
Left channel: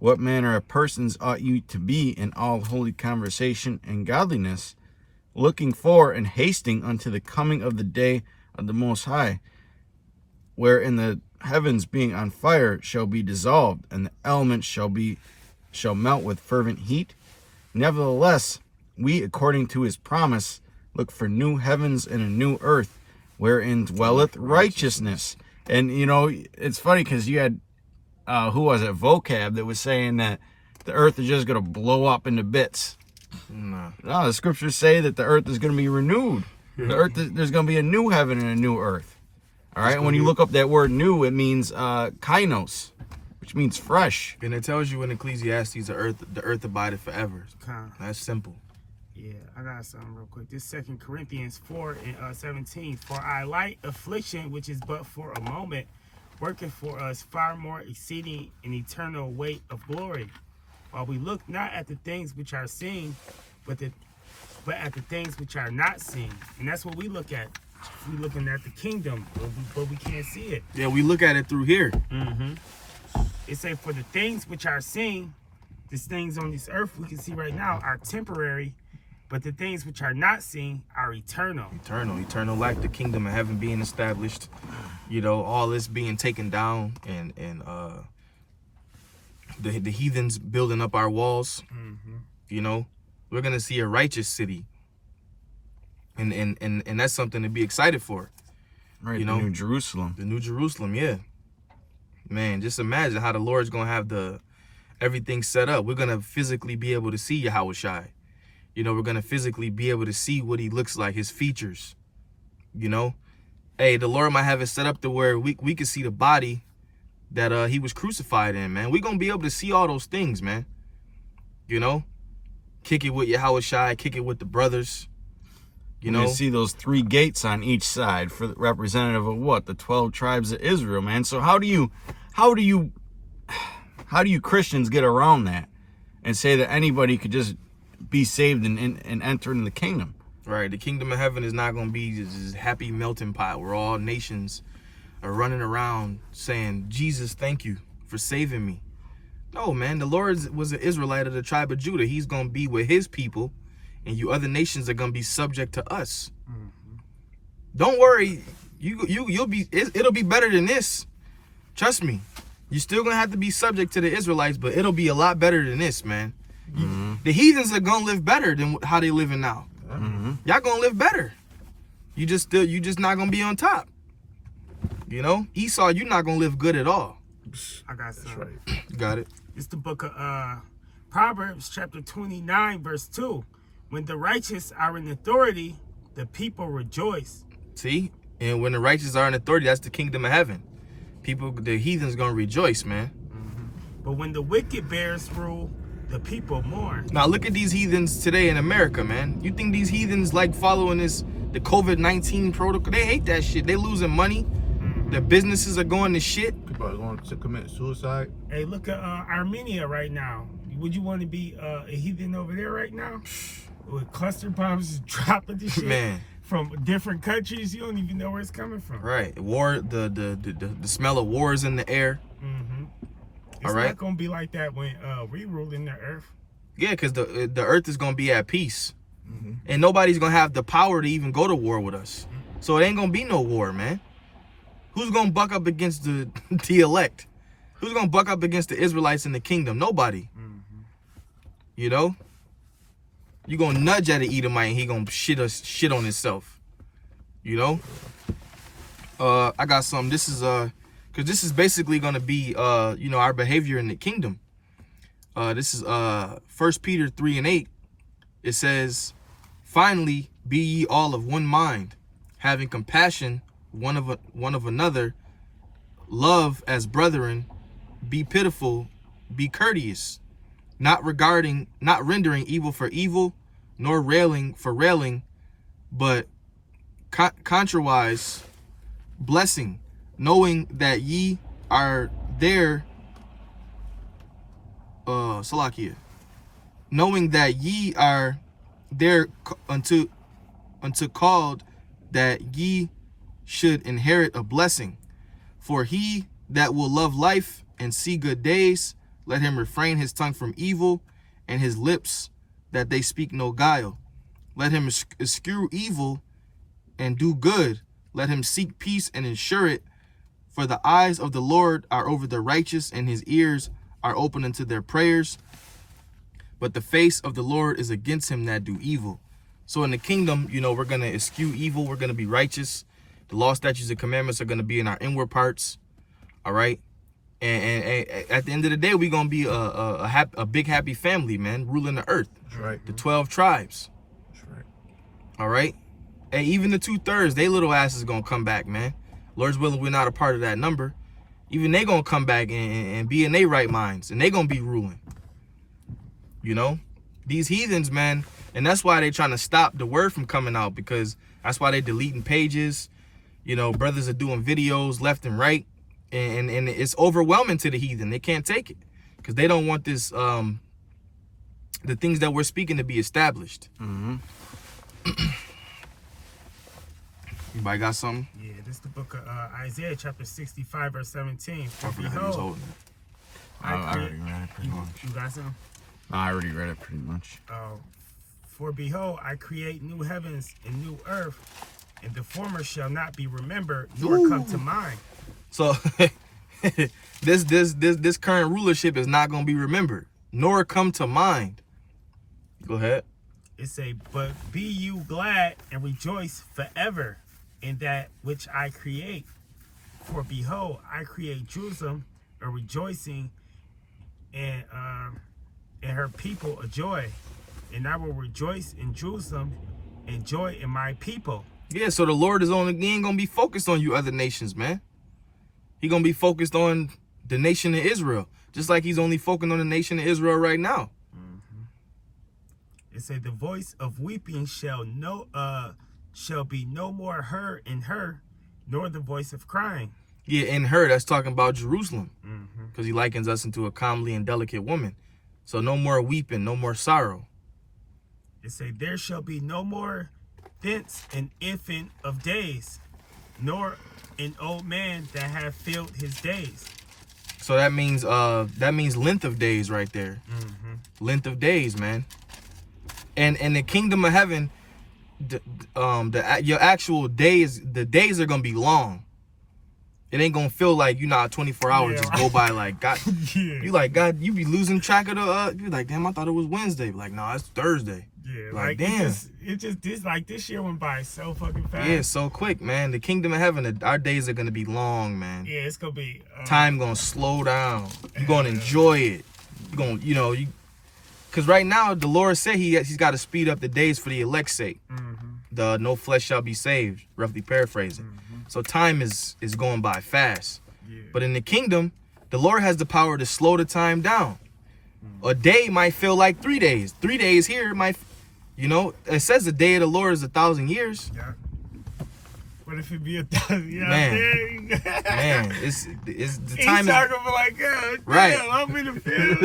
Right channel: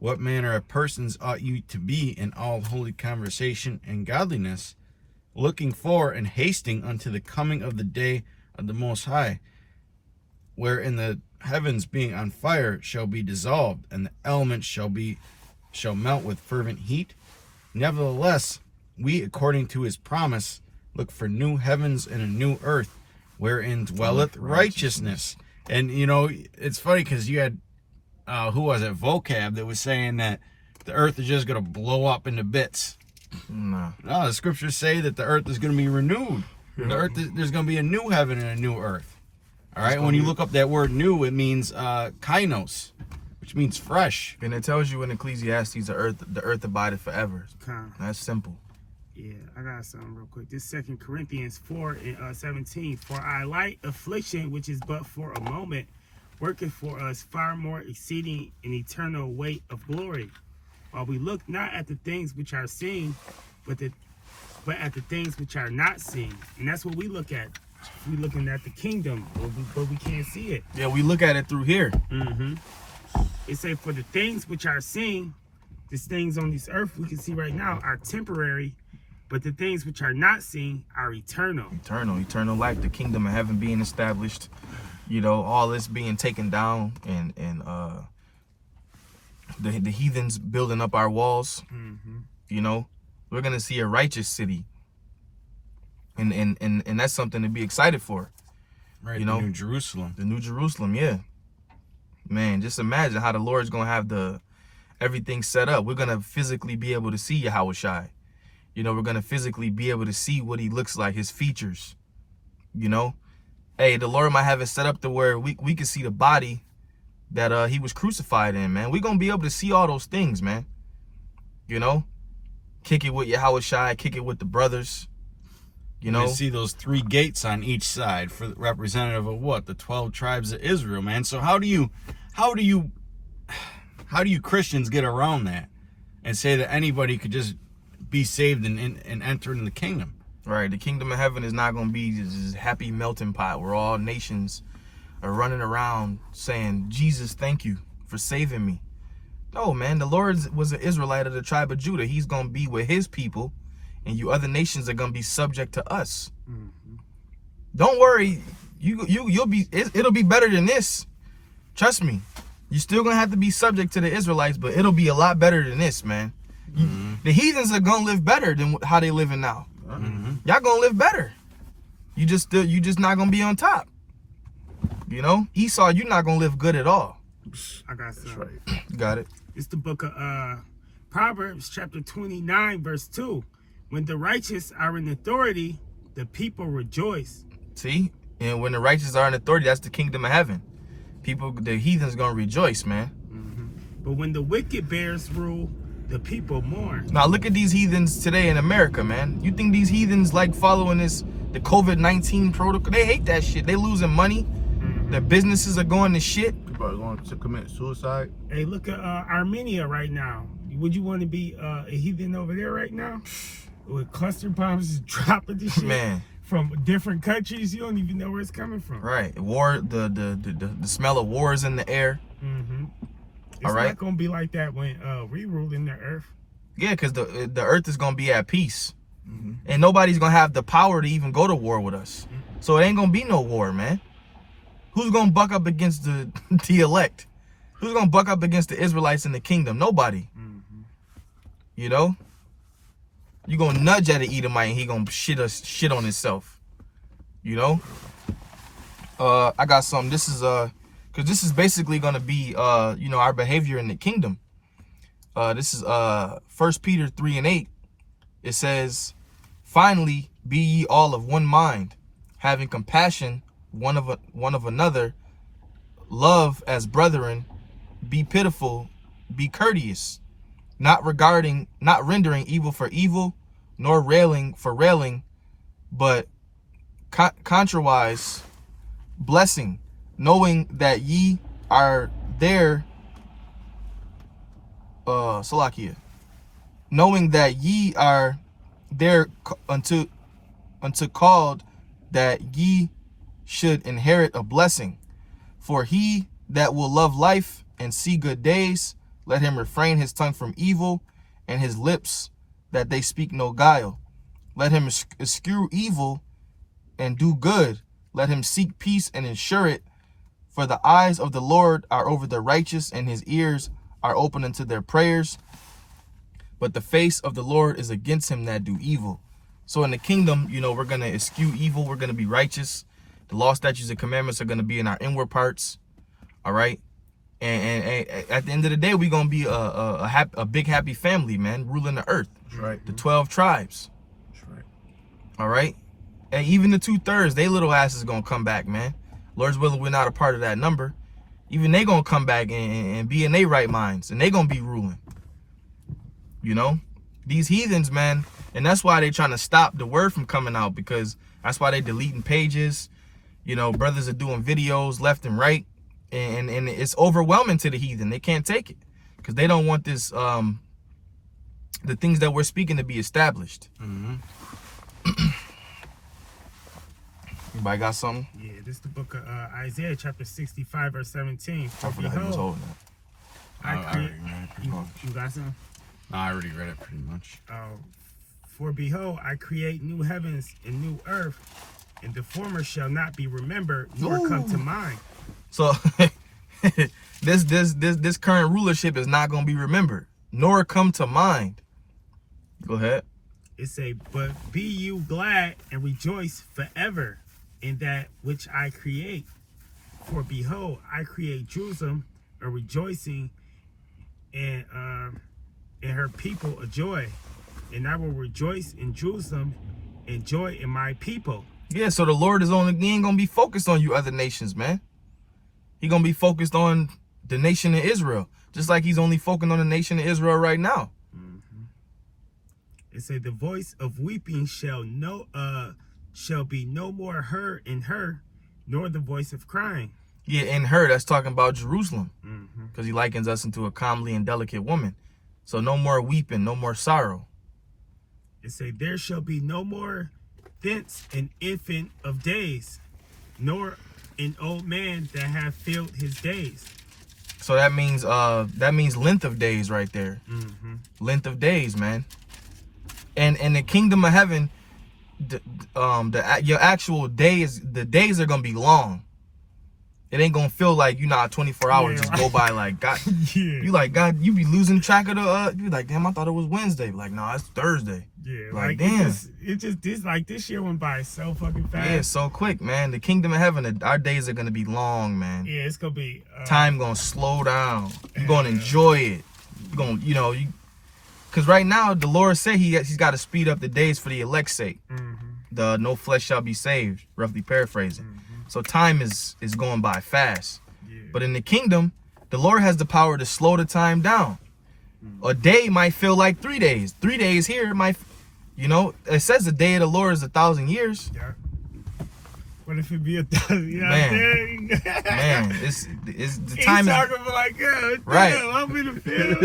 what manner of persons ought you to be in all holy conversation and godliness, looking for and hasting unto the coming of the day of the Most High, wherein the heavens being on fire shall be dissolved, and the elements shall melt with fervent heat? Nevertheless, we, according to his promise, look for new heavens and a new earth, wherein dwelleth righteousness. And, you know, it's funny because you had, who was it, Vocab, that was saying that the earth is just going to blow up into bits. No. No, the scriptures say that the earth is going to be renewed. The earth, there's going to be a new heaven and a new earth. All right, when you look up that word new, it means kainos. which means fresh. And it tells you in Ecclesiastes, the earth abideth forever. Con. That's simple. Yeah, I got something real quick. This 2 Corinthians 4 and 17. For our light affliction, which is but for a moment, worketh for us far more exceeding an eternal weight of glory. While we look not at the things which are seen, but at the things which are not seen. And that's what we look at. We looking at the kingdom, but we can't see it. Yeah, we look at it through here. Mm-hmm. It say, for the things which are seen, these things on this earth we can see right now are temporary, but the things which are not seen are eternal. Eternal life, the kingdom of heaven being established, all this being taken down, and the heathens building up our walls. Mm-hmm. We're gonna see a righteous city, and that's something to be excited for. Right, the New Jerusalem. The New Jerusalem, yeah. Man, just imagine how the Lord's gonna have everything set up. We're gonna physically be able to see Yahushai. We're gonna physically be able to see what he looks like, his features. Hey, the Lord might have it set up to where we can see the body that he was crucified in, man. We're gonna be able to see all those things, man. Kick it with Yahushai, kick it with the brothers. You see those 3 gates on each side for the representative of what? The 12 tribes of Israel, man. So how do you Christians get around that and say that anybody could just be saved and enter into the kingdom? Right. The kingdom of heaven is not going to be this happy melting pot where all nations are running around saying, Jesus, thank you for saving me. No, man. The Lord was an Israelite of the tribe of Judah. He's going to be with his people, and you other nations are going to be subject to us. Mm-hmm. Don't worry. It'll be better than this. Trust me. You're still going to have to be subject to the Israelites, but it'll be a lot better than this, man. Mm-hmm. The heathens are going to live better than how they living now. Mm-hmm. Y'all going to live better. You just not going to be on top. Esau, you're not going to live good at all. I got something. Right. Got it. It's the book of Proverbs, chapter 29, verse 2. When the righteous are in authority, the people rejoice. See? And when the righteous are in authority, that's the kingdom of heaven. The heathens going to rejoice, man. Mm-hmm. But when the wicked bears rule, the people mourn. Now look at these heathens today in America, man. You think these heathens like following the COVID-19 protocol? They hate that shit. They losing money. Mm-hmm. Their businesses are going to shit. People are going to commit suicide. Hey, look at Armenia right now. Would you want to be a heathen over there right now? With cluster bombs just dropping this shit Man. from different countries, you don't even know where it's coming from. Right. War, the smell of war is in the air. Mm-hmm. It's All right. not gonna be like that when we rule in the earth. Yeah, because the earth is going to be at peace. Mm-hmm. And nobody's going to have the power to even go to war with us. So it ain't going to be no war, man. Who's going to buck up against the elect? Who's going to buck up against the Israelites in the kingdom? Nobody. Mm-hmm. You're going to nudge at an Edomite and he going to shit on himself. I got something. This is because this is basically going to be our behavior in the kingdom. This is 1 Peter 3 and 8. It says, finally be ye all of one mind, having compassion one of another, love as brethren, be pitiful, be courteous, not rendering evil for evil, nor railing for railing, but contrariwise blessing, knowing that ye are there, Salakia, knowing that ye are there unto called, that ye should inherit a blessing. For he that will love life and see good days, let him refrain his tongue from evil, and his lips that they speak no guile. Let him eschew evil and do good. Let him seek peace and ensure it. For the eyes of the Lord are over the righteous, and his ears are open unto their prayers. But the face of the Lord is against him that do evil. So in the kingdom, we're going to eschew evil. We're going to be righteous. The law, statutes, and commandments are going to be in our inward parts. All right. And at the end of the day, we're going to be a big, happy family, man, ruling the earth. That's right. The 12 tribes. That's right. All right. And even the 2/3, they little asses going to come back, man. Lord's willing, we're not a part of that number. even they gonna come back and be in their right minds, and they gonna be ruling. You know, these heathens, man, and that's why they trying to stop the word from coming out, because that's why they deleting pages. You know, brothers are doing videos left and right, and it's overwhelming to the heathen. They can't take it because they don't want this, the things that we're speaking to be established. Anybody got something? Yeah, this is the book of Isaiah, chapter 65, verse 17. For I forgot he was behold, holding it. I already read it. you got some? I already read it pretty much. For behold, I create new heavens and new earth, and the former shall not be remembered, nor come to mind. So this current rulership is not going to be remembered, nor come to mind. Go ahead. It say, but be you glad and rejoice forever in that which I create. For behold, I create Jerusalem a rejoicing, and her people a joy. And I will rejoice in Jerusalem and joy in my people. Yeah, so the Lord he ain't gonna be focused on you other nations, man. He gonna be focused on the nation of Israel, just like he's only focused on the nation of Israel right now. It say the voice of weeping shall be no more heard in her, nor the voice of crying. Yeah, in her, that's talking about Jerusalem, because he likens us into a comely and delicate woman. So no more weeping, no more sorrow. It say there shall be no more thence an infant of days, nor an old man that have filled his days. So that means length of days right there. Length of days, man. And in the kingdom of heaven, your actual days, the days are gonna be long. It ain't gonna feel like 24 hours just go by like God. Yeah. You like God, you be losing track of the. You like, damn, I thought it was Wednesday. Like, nah, it's Thursday. Yeah, like damn. damn. This year went by so fucking fast. Yeah, so quick, man. The kingdom of heaven, our days are gonna be long, man. Yeah, it's gonna be time gonna slow down. You're gonna enjoy it. You're gonna, because right now the Lord said he's got to speed up the days for the elect's sake. The no flesh shall be saved, roughly paraphrasing. So time is going by fast. Yeah. But in the kingdom, the Lord has the power to slow the time down. A day might feel like 3 days. 3 days here might, it says the day of the Lord is 1,000 years. Yeah. What if it be 1,000? You know what I'm saying? Man, it's the He's time talking for like, God, right. Damn, I'm in the field.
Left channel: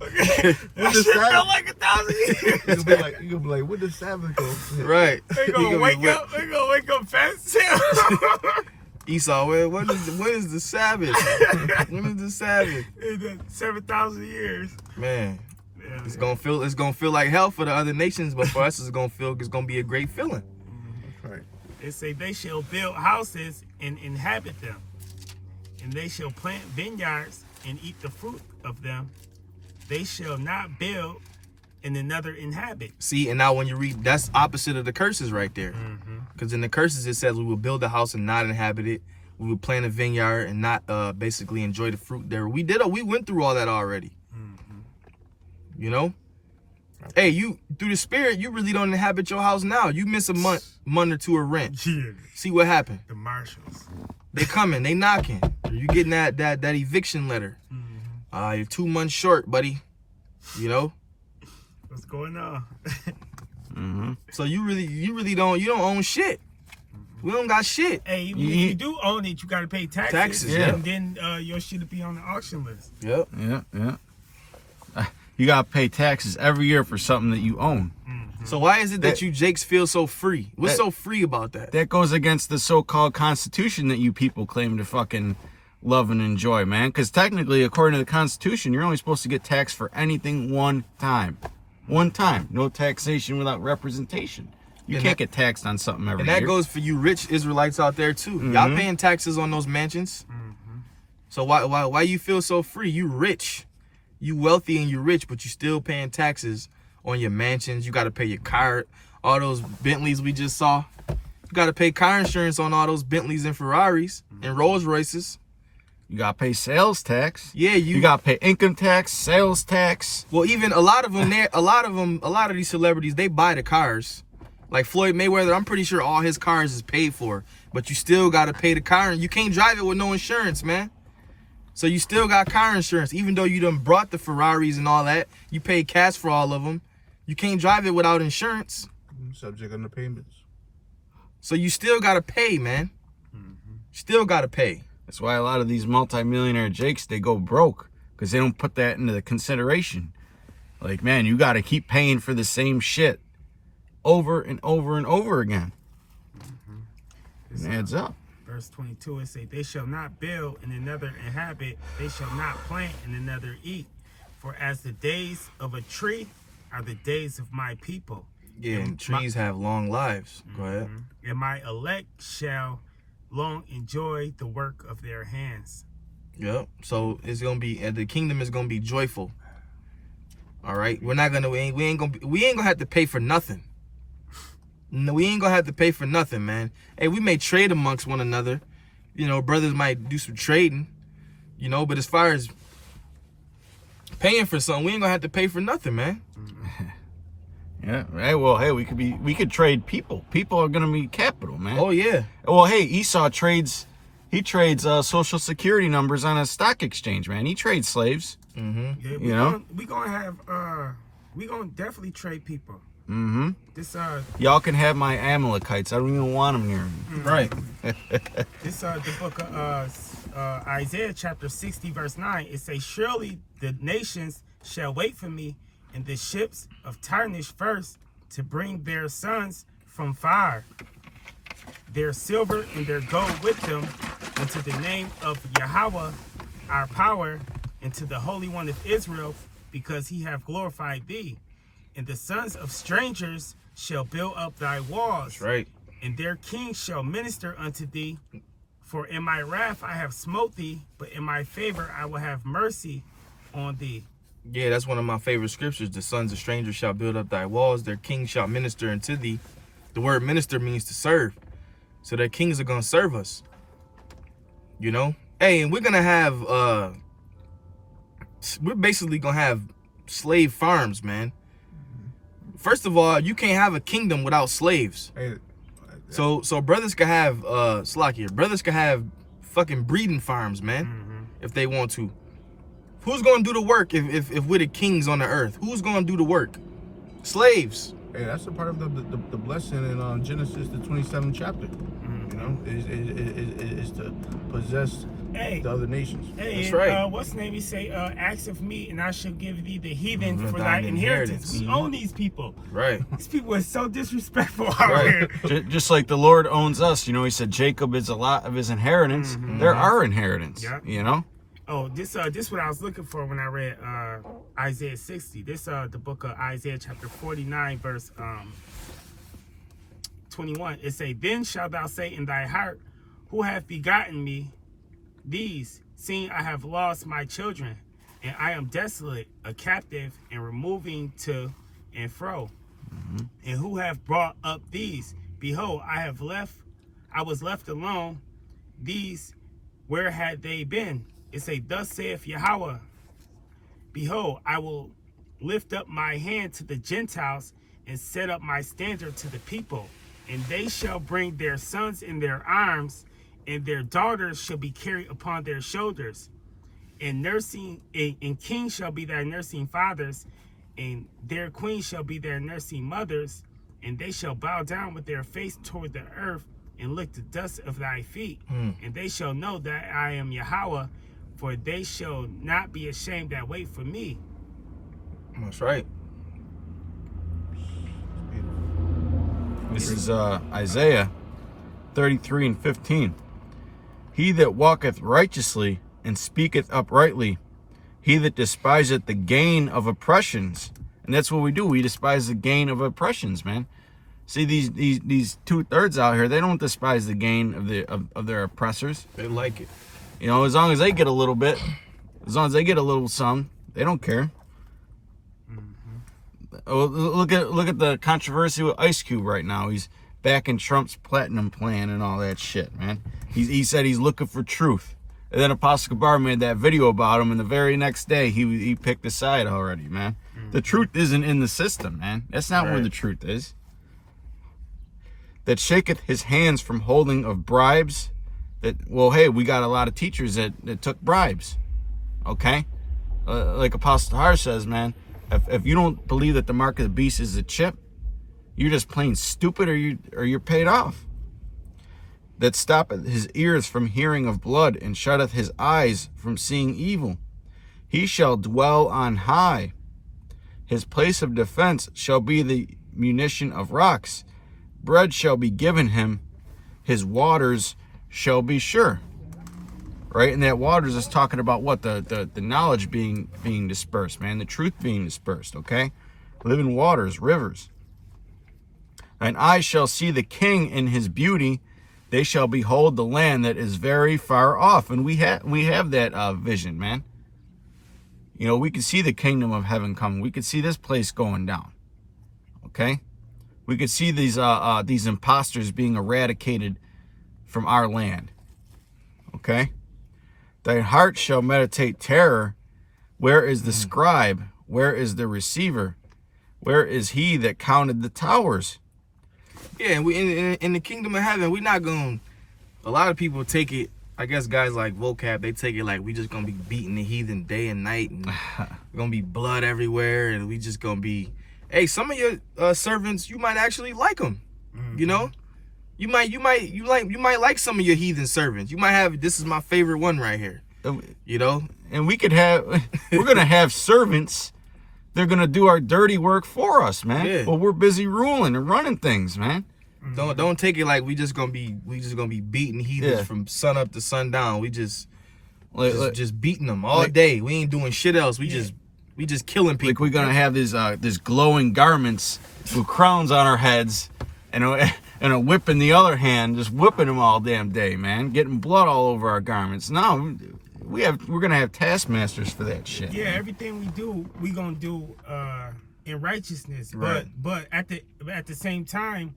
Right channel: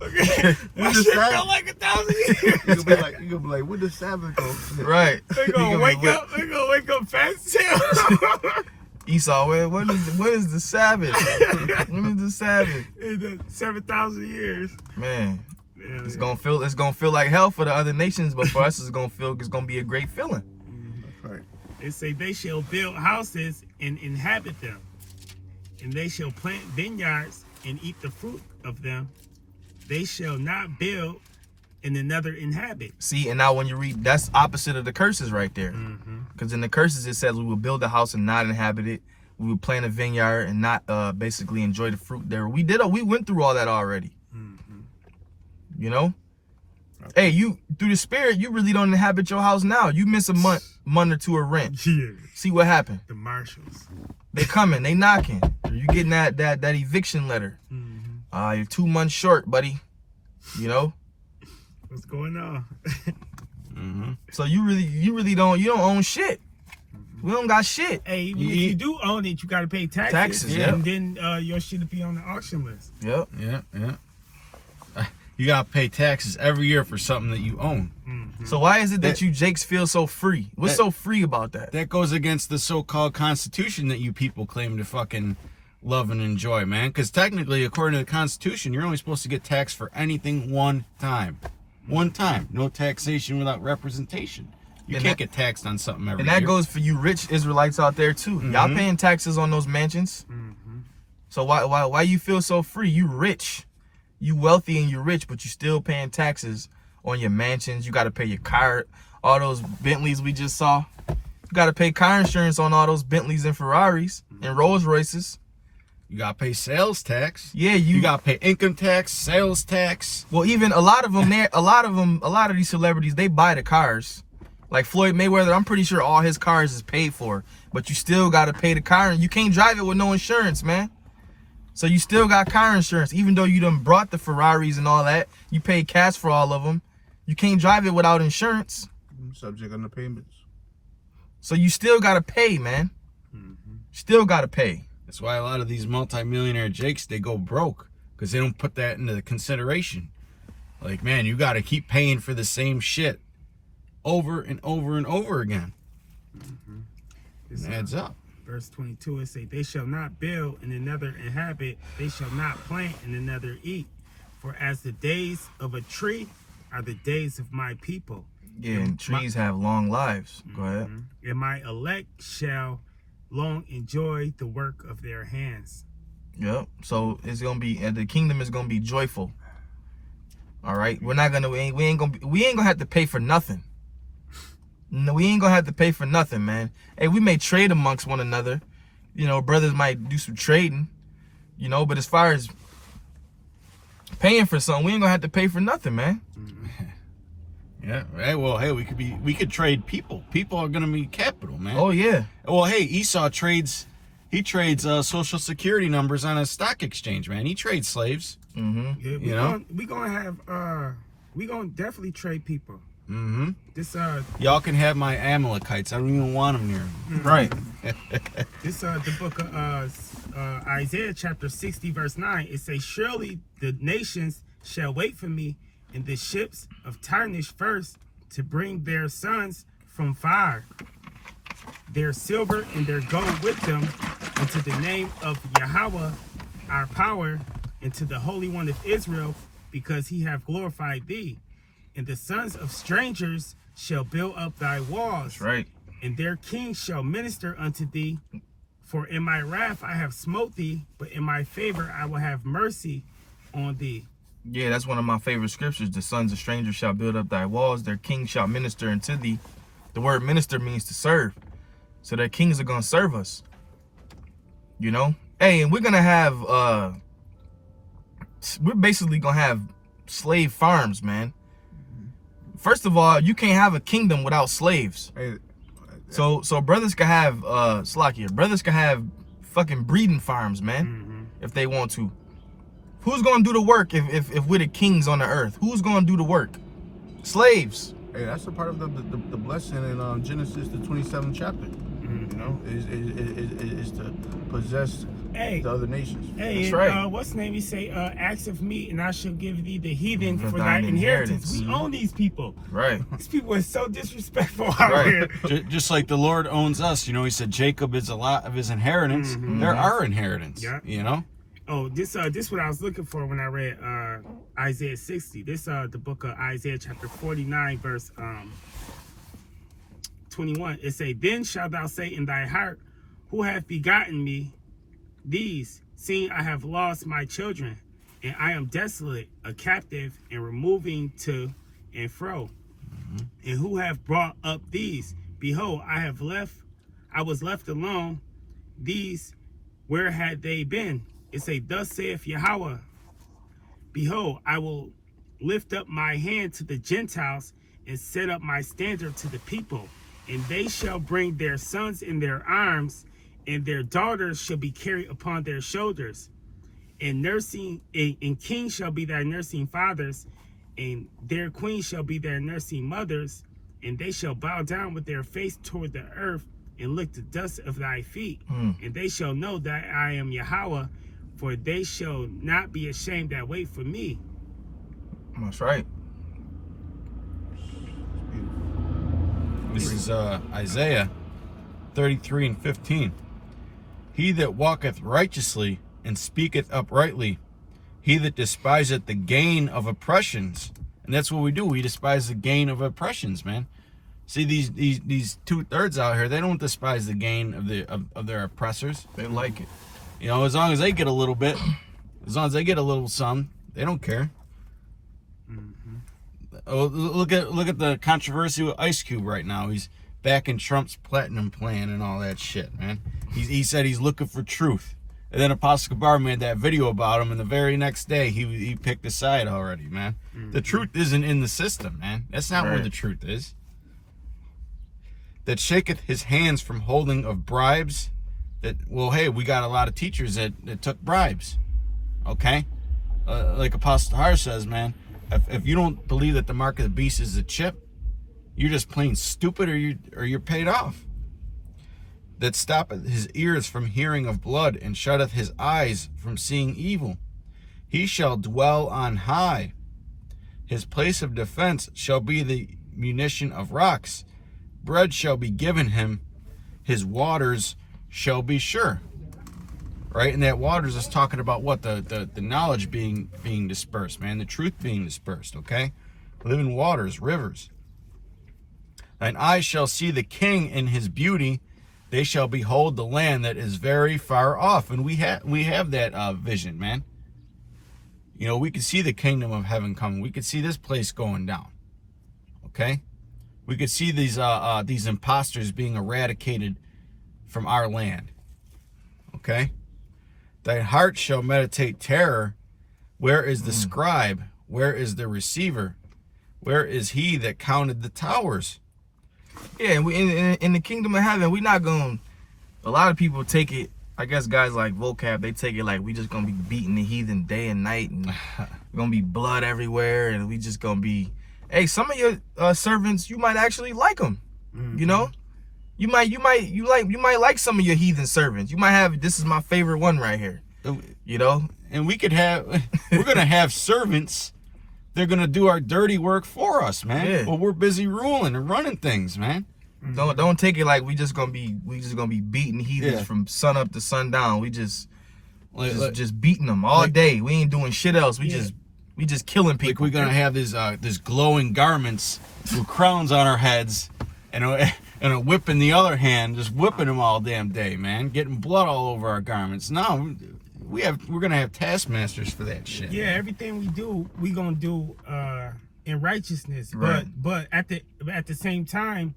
Okay. That shit felt like 1,000 years. You're gonna be like, when does Sabbath go? Right. They gonna wake up. They gonna wake up fast too. Esau, when is the Sabbath? When is the Sabbath? It's 7,000 years. Man, Yeah, it's gonna feel like hell for the other nations, but for us, it's gonna be a great feeling. That's right. It say they shall build houses and inhabit them, and they shall plant vineyards and eat the fruit of them. They shall not build and another inhabit. See, and now when you read, that's opposite of the curses right there. Because in the curses it says we will build a house and not inhabit it. We will plant a vineyard and not basically enjoy the fruit there. We went through all that already. Hey, you through the Spirit, you really don't inhabit your house now. You miss a month or two of rent. Yeah. See what happened? The marshals. They coming, they knocking. You getting that eviction letter. You're 2 months short, buddy. What's going on? So you really don't own shit. We don't got shit. Hey, even if you do own it, you gotta pay taxes. Taxes, yeah. And then your shit will be on the auction list. Yep. Yeah. You gotta pay taxes every year for something that you own. So why is it that you Jakes feel so free? What's so free about that? That goes against the so-called Constitution that you people claim to fucking love and enjoy, man. Because technically, according to the Constitution, you're only supposed to get taxed for anything one time. One time. No taxation without representation. You can't get taxed on something every year. And that goes for you rich Israelites out there too. Y'all paying taxes on those mansions. So why you feel so free? You rich. You wealthy and you rich, but you still paying taxes on your mansions. You got to pay your car, all those Bentleys we just saw. You got to pay car insurance on all those Bentleys and Ferraris and Rolls Royces. You gotta pay sales tax. Yeah, you gotta pay income tax, sales tax. Well, even a lot of these celebrities, they buy the cars. Like Floyd Mayweather, I'm pretty sure all his cars is paid for, but you still gotta pay the car, and you can't drive it with no insurance, man. So you still got car insurance, even though you done brought the Ferraris and all that. You paid cash for all of them. You can't drive it without insurance. Subject on the payments. So you still got to pay, man. Still got to pay. That's why a lot of these multimillionaire jakes, they go broke because they don't put that into the consideration. Like, man, you got to keep paying for the same shit over and over and over again. It adds up. Verse 22, it say, they shall not build and another inhabit, they shall not plant and another eat. For as the days of a tree are the days of my people. Yeah, and trees have long lives. Go ahead. And my elect shall long enjoy the work of their hands. Yep. So it's gonna be, and the kingdom is gonna be joyful. All right. We're not gonna. We ain't gonna have to pay for nothing. No, we ain't gonna have to pay for nothing, man. Hey, we may trade amongst one another. You know, brothers might do some trading. You know, but as far as paying for something, we ain't gonna have to pay for nothing, man. Yeah. Right. Well, hey, we could trade people. People are gonna be capital, man. Oh yeah. Well, hey, Esau trades. He trades social security numbers on a stock exchange, man. He trades slaves. Yeah, we gonna definitely trade people. This Y'all can have my Amalekites. I don't even want them here. Right. This the book of Isaiah chapter 60 verse 9. It says, surely the nations shall wait for me in the ships of Tarshish first to bring their sons from far, their silver and their gold with them, into the name of Yahweh our power, and to the Holy One of Israel, because he hath glorified thee. And the sons of strangers shall build up thy walls. That's right. And their kings shall minister unto thee. For in my wrath I have smote thee, but in my favor I will have mercy on thee. Yeah, that's one of my favorite scriptures. The sons of strangers shall build up thy walls. Their kings shall minister unto thee. The word minister means to serve. So their kings are going to serve us. You know? Hey, and we're going to have, we're basically going to have slave farms, man. First of all, you can't have a kingdom without slaves. Hey, so brothers can have, brothers can have fucking breeding farms, man, if they want to. Who's going to do the work if we're the kings on the earth? Who's going to do the work? Slaves. Hey, that's a part of the blessing in Genesis, the 27th chapter. You know, is to possess the other nations. Hey, that's right. What's the name? He say, ask of me, and I shall give thee the heathen for thy inheritance. We own these people. Right. These people are so disrespectful out here. Just like the Lord owns us. You know, he said Jacob is a lot of his inheritance. They're our inheritance. Yeah. You know? Oh, this what I was looking for when I read Isaiah 60. This the book of Isaiah chapter 49 verse 21. It say, then shalt thou say in thy heart, who hath begotten me these, seeing I have lost my children, and I am desolate, a captive, and removing to and fro. And who have brought up these? Behold, I was left alone. These, where had they been? It say, thus saith Yahweh, behold, I will lift up my hand to the Gentiles and set up my standard to the people, and they shall bring their sons in their arms, and their daughters shall be carried upon their shoulders. And kings shall be their nursing fathers, and their queens shall be their nursing mothers, and they shall bow down with their face toward the earth and lick the dust of thy feet. And they shall know that I am Yahweh, for they shall not be ashamed that wait for me. That's right. This is Isaiah 33 and 15. He that walketh righteously and speaketh uprightly, he that despiseth the gain of oppressions. And that's what we do. We despise the gain of oppressions, man. See, these 2/3 out here, they don't despise the gain of their oppressors. They like it. You know, as long as they get a little bit, as long as they get a little some, they don't care. Oh, look at the controversy with Ice Cube right now. He's backing Trump's platinum plan and all that shit, man. He said he's looking for truth. And then Apostle Gabar made that video about him, and the very next day he picked a side already, man. The truth isn't in the system, man. That's not where the truth is. That shaketh his hands from holding of bribes. That, well, hey, we got a lot of teachers that took bribes. Okay? Like Apostle Har says, man, if you don't believe that the mark of the beast is a chip, you're just plain stupid, or you're paid off. That stoppeth his ears from hearing of blood, and shutteth his eyes from seeing evil. He shall dwell on high. His place of defense shall be the munition of rocks. Bread shall be given him. His waters shall be sure. Right? And that waters is talking about what? The knowledge being dispersed, man. The truth being dispersed, okay? Living waters, rivers. Thine eyes shall see the king in his beauty. They shall behold the land that is very far off. And we have that vision, man. You know, we can see the kingdom of heaven coming. We could see this place going down. Okay? We could see these imposters being eradicated from our land. Okay? Thy heart shall meditate terror. Where is the scribe? Where is the receiver? Where is he that counted the towers? Yeah, we in the kingdom of heaven, we not going to, a lot of people take it, I guess guys like Vocab, they take it like we just going to be beating the heathen day and night, and going to be blood everywhere, and we just going to be, hey, some of your servants, you might actually like them, you know? You might like some of your heathen servants. You might have, this is my favorite one right here, you know? And we could have, we're going to have servants. They're going to do our dirty work for us, man. Yeah. Well, we're busy ruling and running things, man. Don't take it like we just gonna be beating heathens from sun up to sundown. We just beating them all day. We ain't doing shit else. We just killing people. Like we're gonna have these glowing garments with crowns on our heads, and a whip in the other hand, just whipping them all damn day, man. Getting blood all over our garments. No, we're gonna have taskmasters for that shit. Yeah, everything we do, we gonna do in righteousness. Right. But at the same time,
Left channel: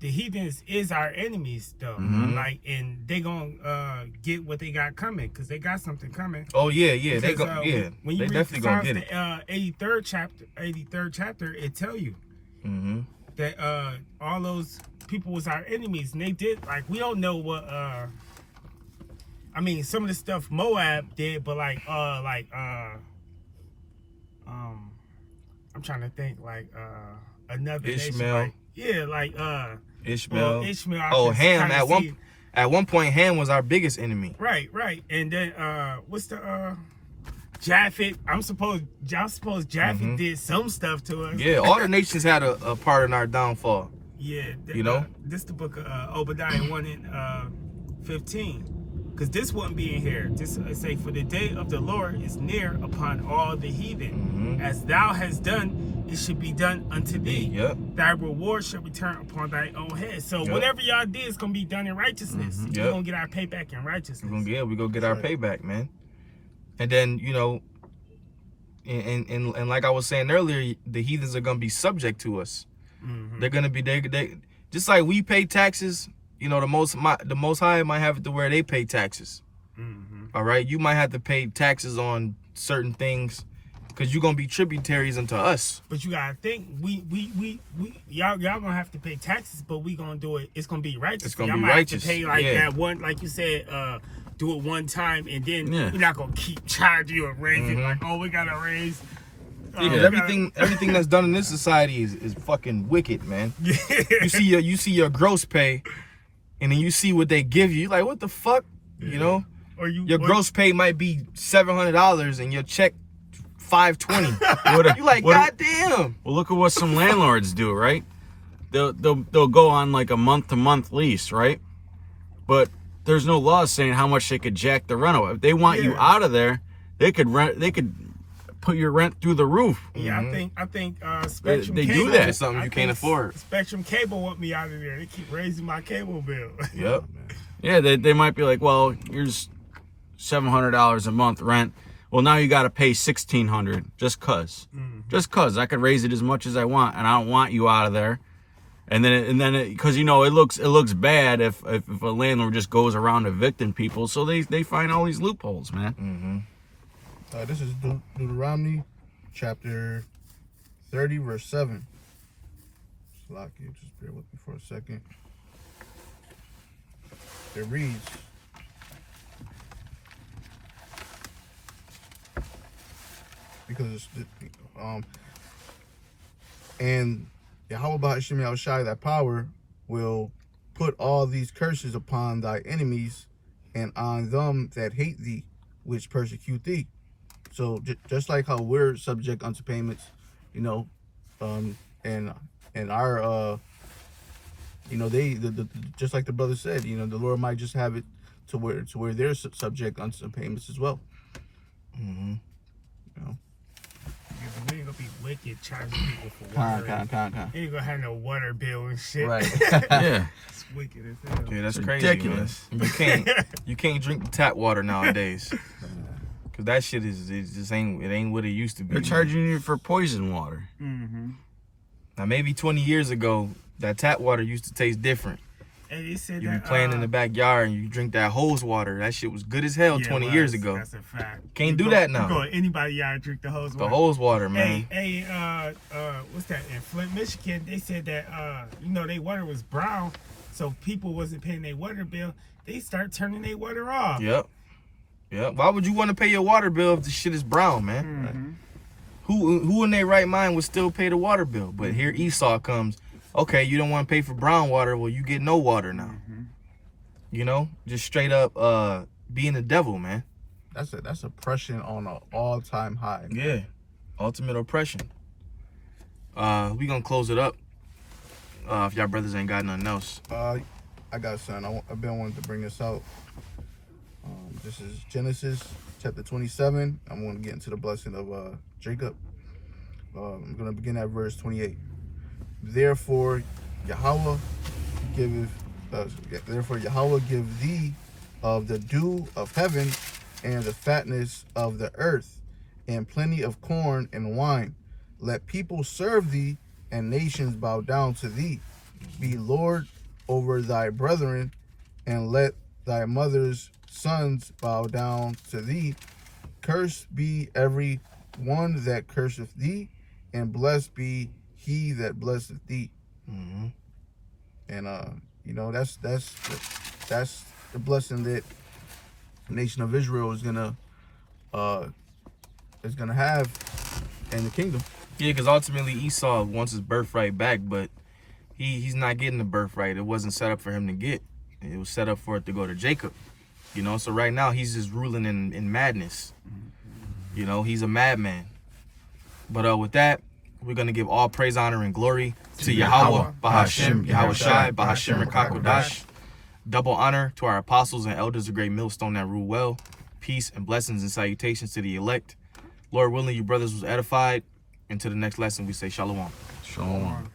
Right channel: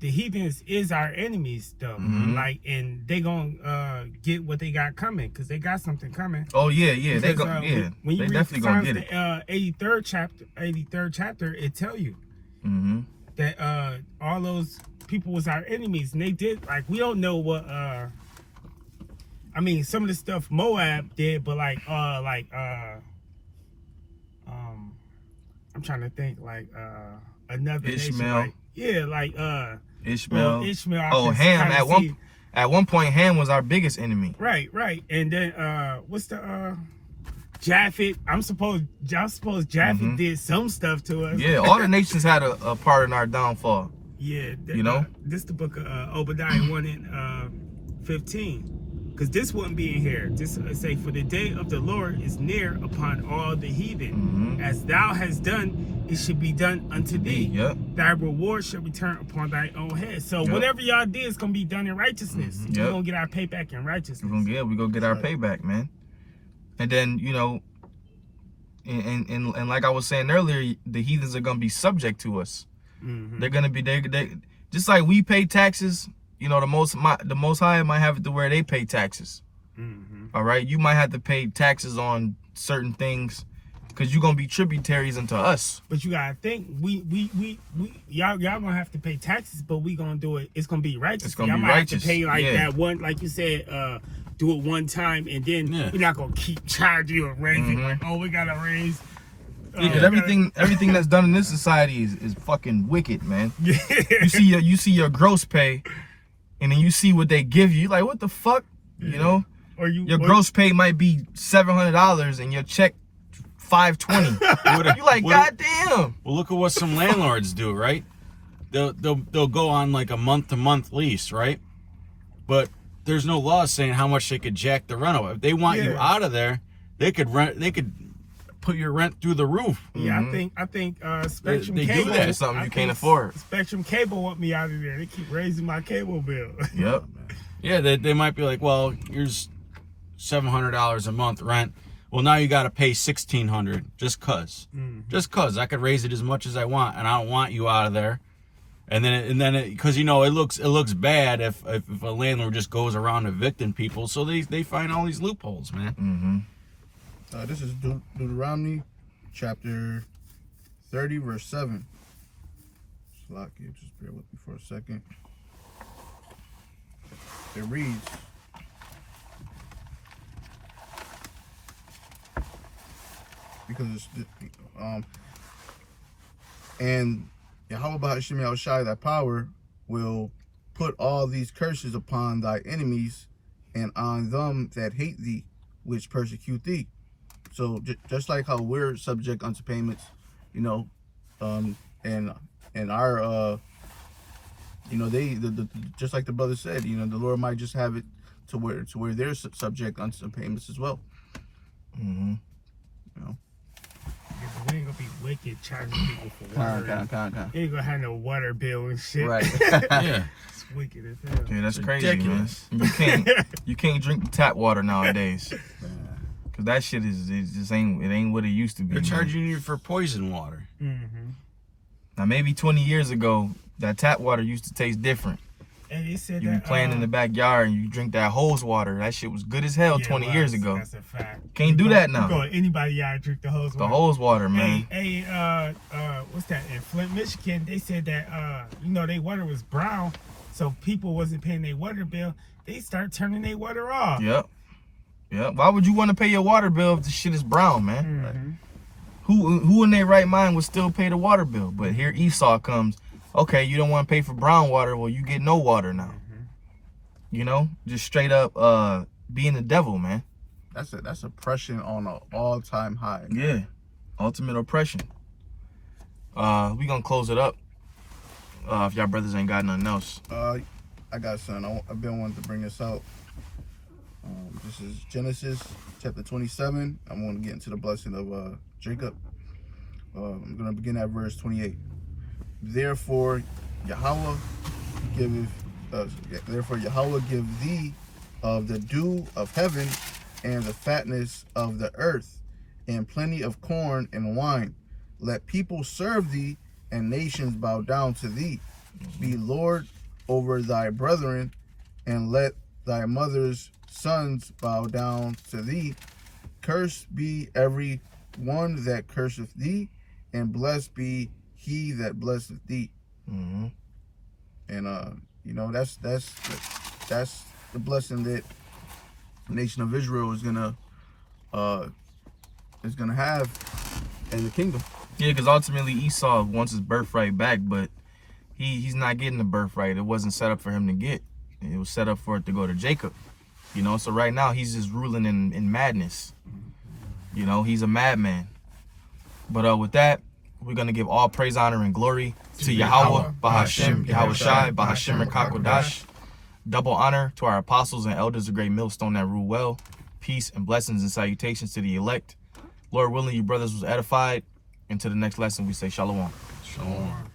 the heathens is our enemies though. Like, and they gonna get what they got coming, because they got something coming. Oh yeah, Because, they go, when you they read definitely gonna Psalms, get it. the 83rd chapter, it tell you that all those people was our enemies, and they did, like, we don't know what I mean, some of the stuff Moab did, but I'm trying to think, like another Ishmael. nation, like, yeah, like Ishmael. well, Ishmael. I Oh, can Ham kinda at one point Ham was our biggest enemy. right, and then what's the Japheth? I suppose Japheth did some stuff to us. Yeah, all the nations had a part in our downfall. Yeah, You know? this the book of Obadiah 1 and 15. Because this wouldn't be in here. This say, for the day of the Lord is near upon all the heathen. As thou hast done, it should be done unto thee. Yep. Thy reward shall return upon thy own head. So whatever y'all did is gonna be done in righteousness. We're gonna get our payback in righteousness. We gonna get our payback, man. And then, you know, and like I was saying earlier, the heathens are gonna be subject to us. They're gonna be they just like we pay taxes. You know, the most high might have it to where they pay taxes. All right, you might have to pay taxes on certain things because you're gonna be tributaries unto us. But you gotta think, y'all gonna have to pay taxes, but we gonna do it. It's gonna be righteous. It's gonna y'all be might righteous. have to pay like Yeah. that one, like you said, do it one time, and then you're not gonna keep charging you and raising like, oh, we gotta raise. Everything that's done in this society is fucking wicked, man. You see your gross pay, and then you see what they give you. Like, what the fuck, you know? Your gross pay might be $700 and your check $520. You like, goddamn. Well, look at what some landlords do, right? They'll go on like a month-to-month lease, right? But there's no law saying how much they could jack the rental. If they want you out of there, they could put your rent through the roof. Yeah, I think Spectrum They Cable. do that. Something you can't afford. Spectrum Cable want me out of there. They keep raising my cable bill. Yep. Yeah, they might be like, well, here's $700 a month rent. Well, now you got to pay $1,600 just cause. Just cause I could raise it as much as I want, and I don't want you out of there. And then because you know it looks bad if a landlord just goes around evicting people, so they find all these loopholes, man. This is Deuteronomy chapter 30 verse 7. Slocky, just bear with me for a second. It reads, because and Yahweh Ba'Hashem Yahushai, thy power, will put all these curses upon thy enemies and on them that hate thee, which persecute thee. So just like how we're subject unto payments, you know, and our you know, just like the brother said, you know, the Lord might just have it to where they're subject unto some payments as well. Mm-hmm. You know. Yeah, but we ain't gonna be wicked charging people for water. You ain't gonna have no water bill and shit. Right. Yeah. It's wicked as hell. Yeah, that's crazy. Ridiculous. Man. You can't drink the tap water nowadays. Cause that shit ain't what it used to be. They're man. charging you for poison water. Mm-hmm. Now maybe 20 years ago, that tap water used to taste different. And they said You be that playing in the backyard and you drink that hose water. That shit was good as hell yeah, 20 it years was. ago. That's a fact. Can't do that now. You go to anybody yard, drink the hose The water. hose water, man. Hey, what's that? In Flint, Michigan, they said that you know, their water was brown, so people wasn't paying their water bill. They start turning their water off. Yep. Why would you want to pay your water bill if the shit is brown, man? Mm-hmm. Who in their right mind would still pay the water bill? But here Esau comes. Okay, you don't want to pay for brown water. Well, you get no water now. You know, just straight up being the devil, man. That's oppression on an all-time high. Yeah, ultimate oppression. We gonna close it up. If y'all brothers ain't got nothing else. I got something. I've been wanting to bring this out. This is Genesis chapter 27. I'm going to get into the blessing of Jacob. I'm going to begin at verse 28. Therefore Yahweh give thee of the dew of heaven and the fatness of the earth and plenty of corn and wine. Let people serve thee and nations bow down to thee. Be Lord over thy brethren, and let thy mother's sons bow down to thee. Cursed be every one that curseth thee, and blessed be he that blesseth thee. Mm-hmm. And you know, that's the blessing that the nation of Israel is gonna have in the kingdom. Yeah, because ultimately Esau wants his birthright back, but he's not getting the birthright. It wasn't set up for him to get. It was set up for it to go to Jacob. You know, so right now he's just ruling in madness. You know, he's a madman. But with that, we're going to give all praise, honor, and glory to Yahweh, Ba'Hashem, Yahushai, Ba'Hashem, Rekakodash. Double honor to our apostles and elders of Great Millstone that rule well. Peace and blessings and salutations to the elect. Lord willing, you brothers was edified. And to the next lesson, we say shalom. Shalom.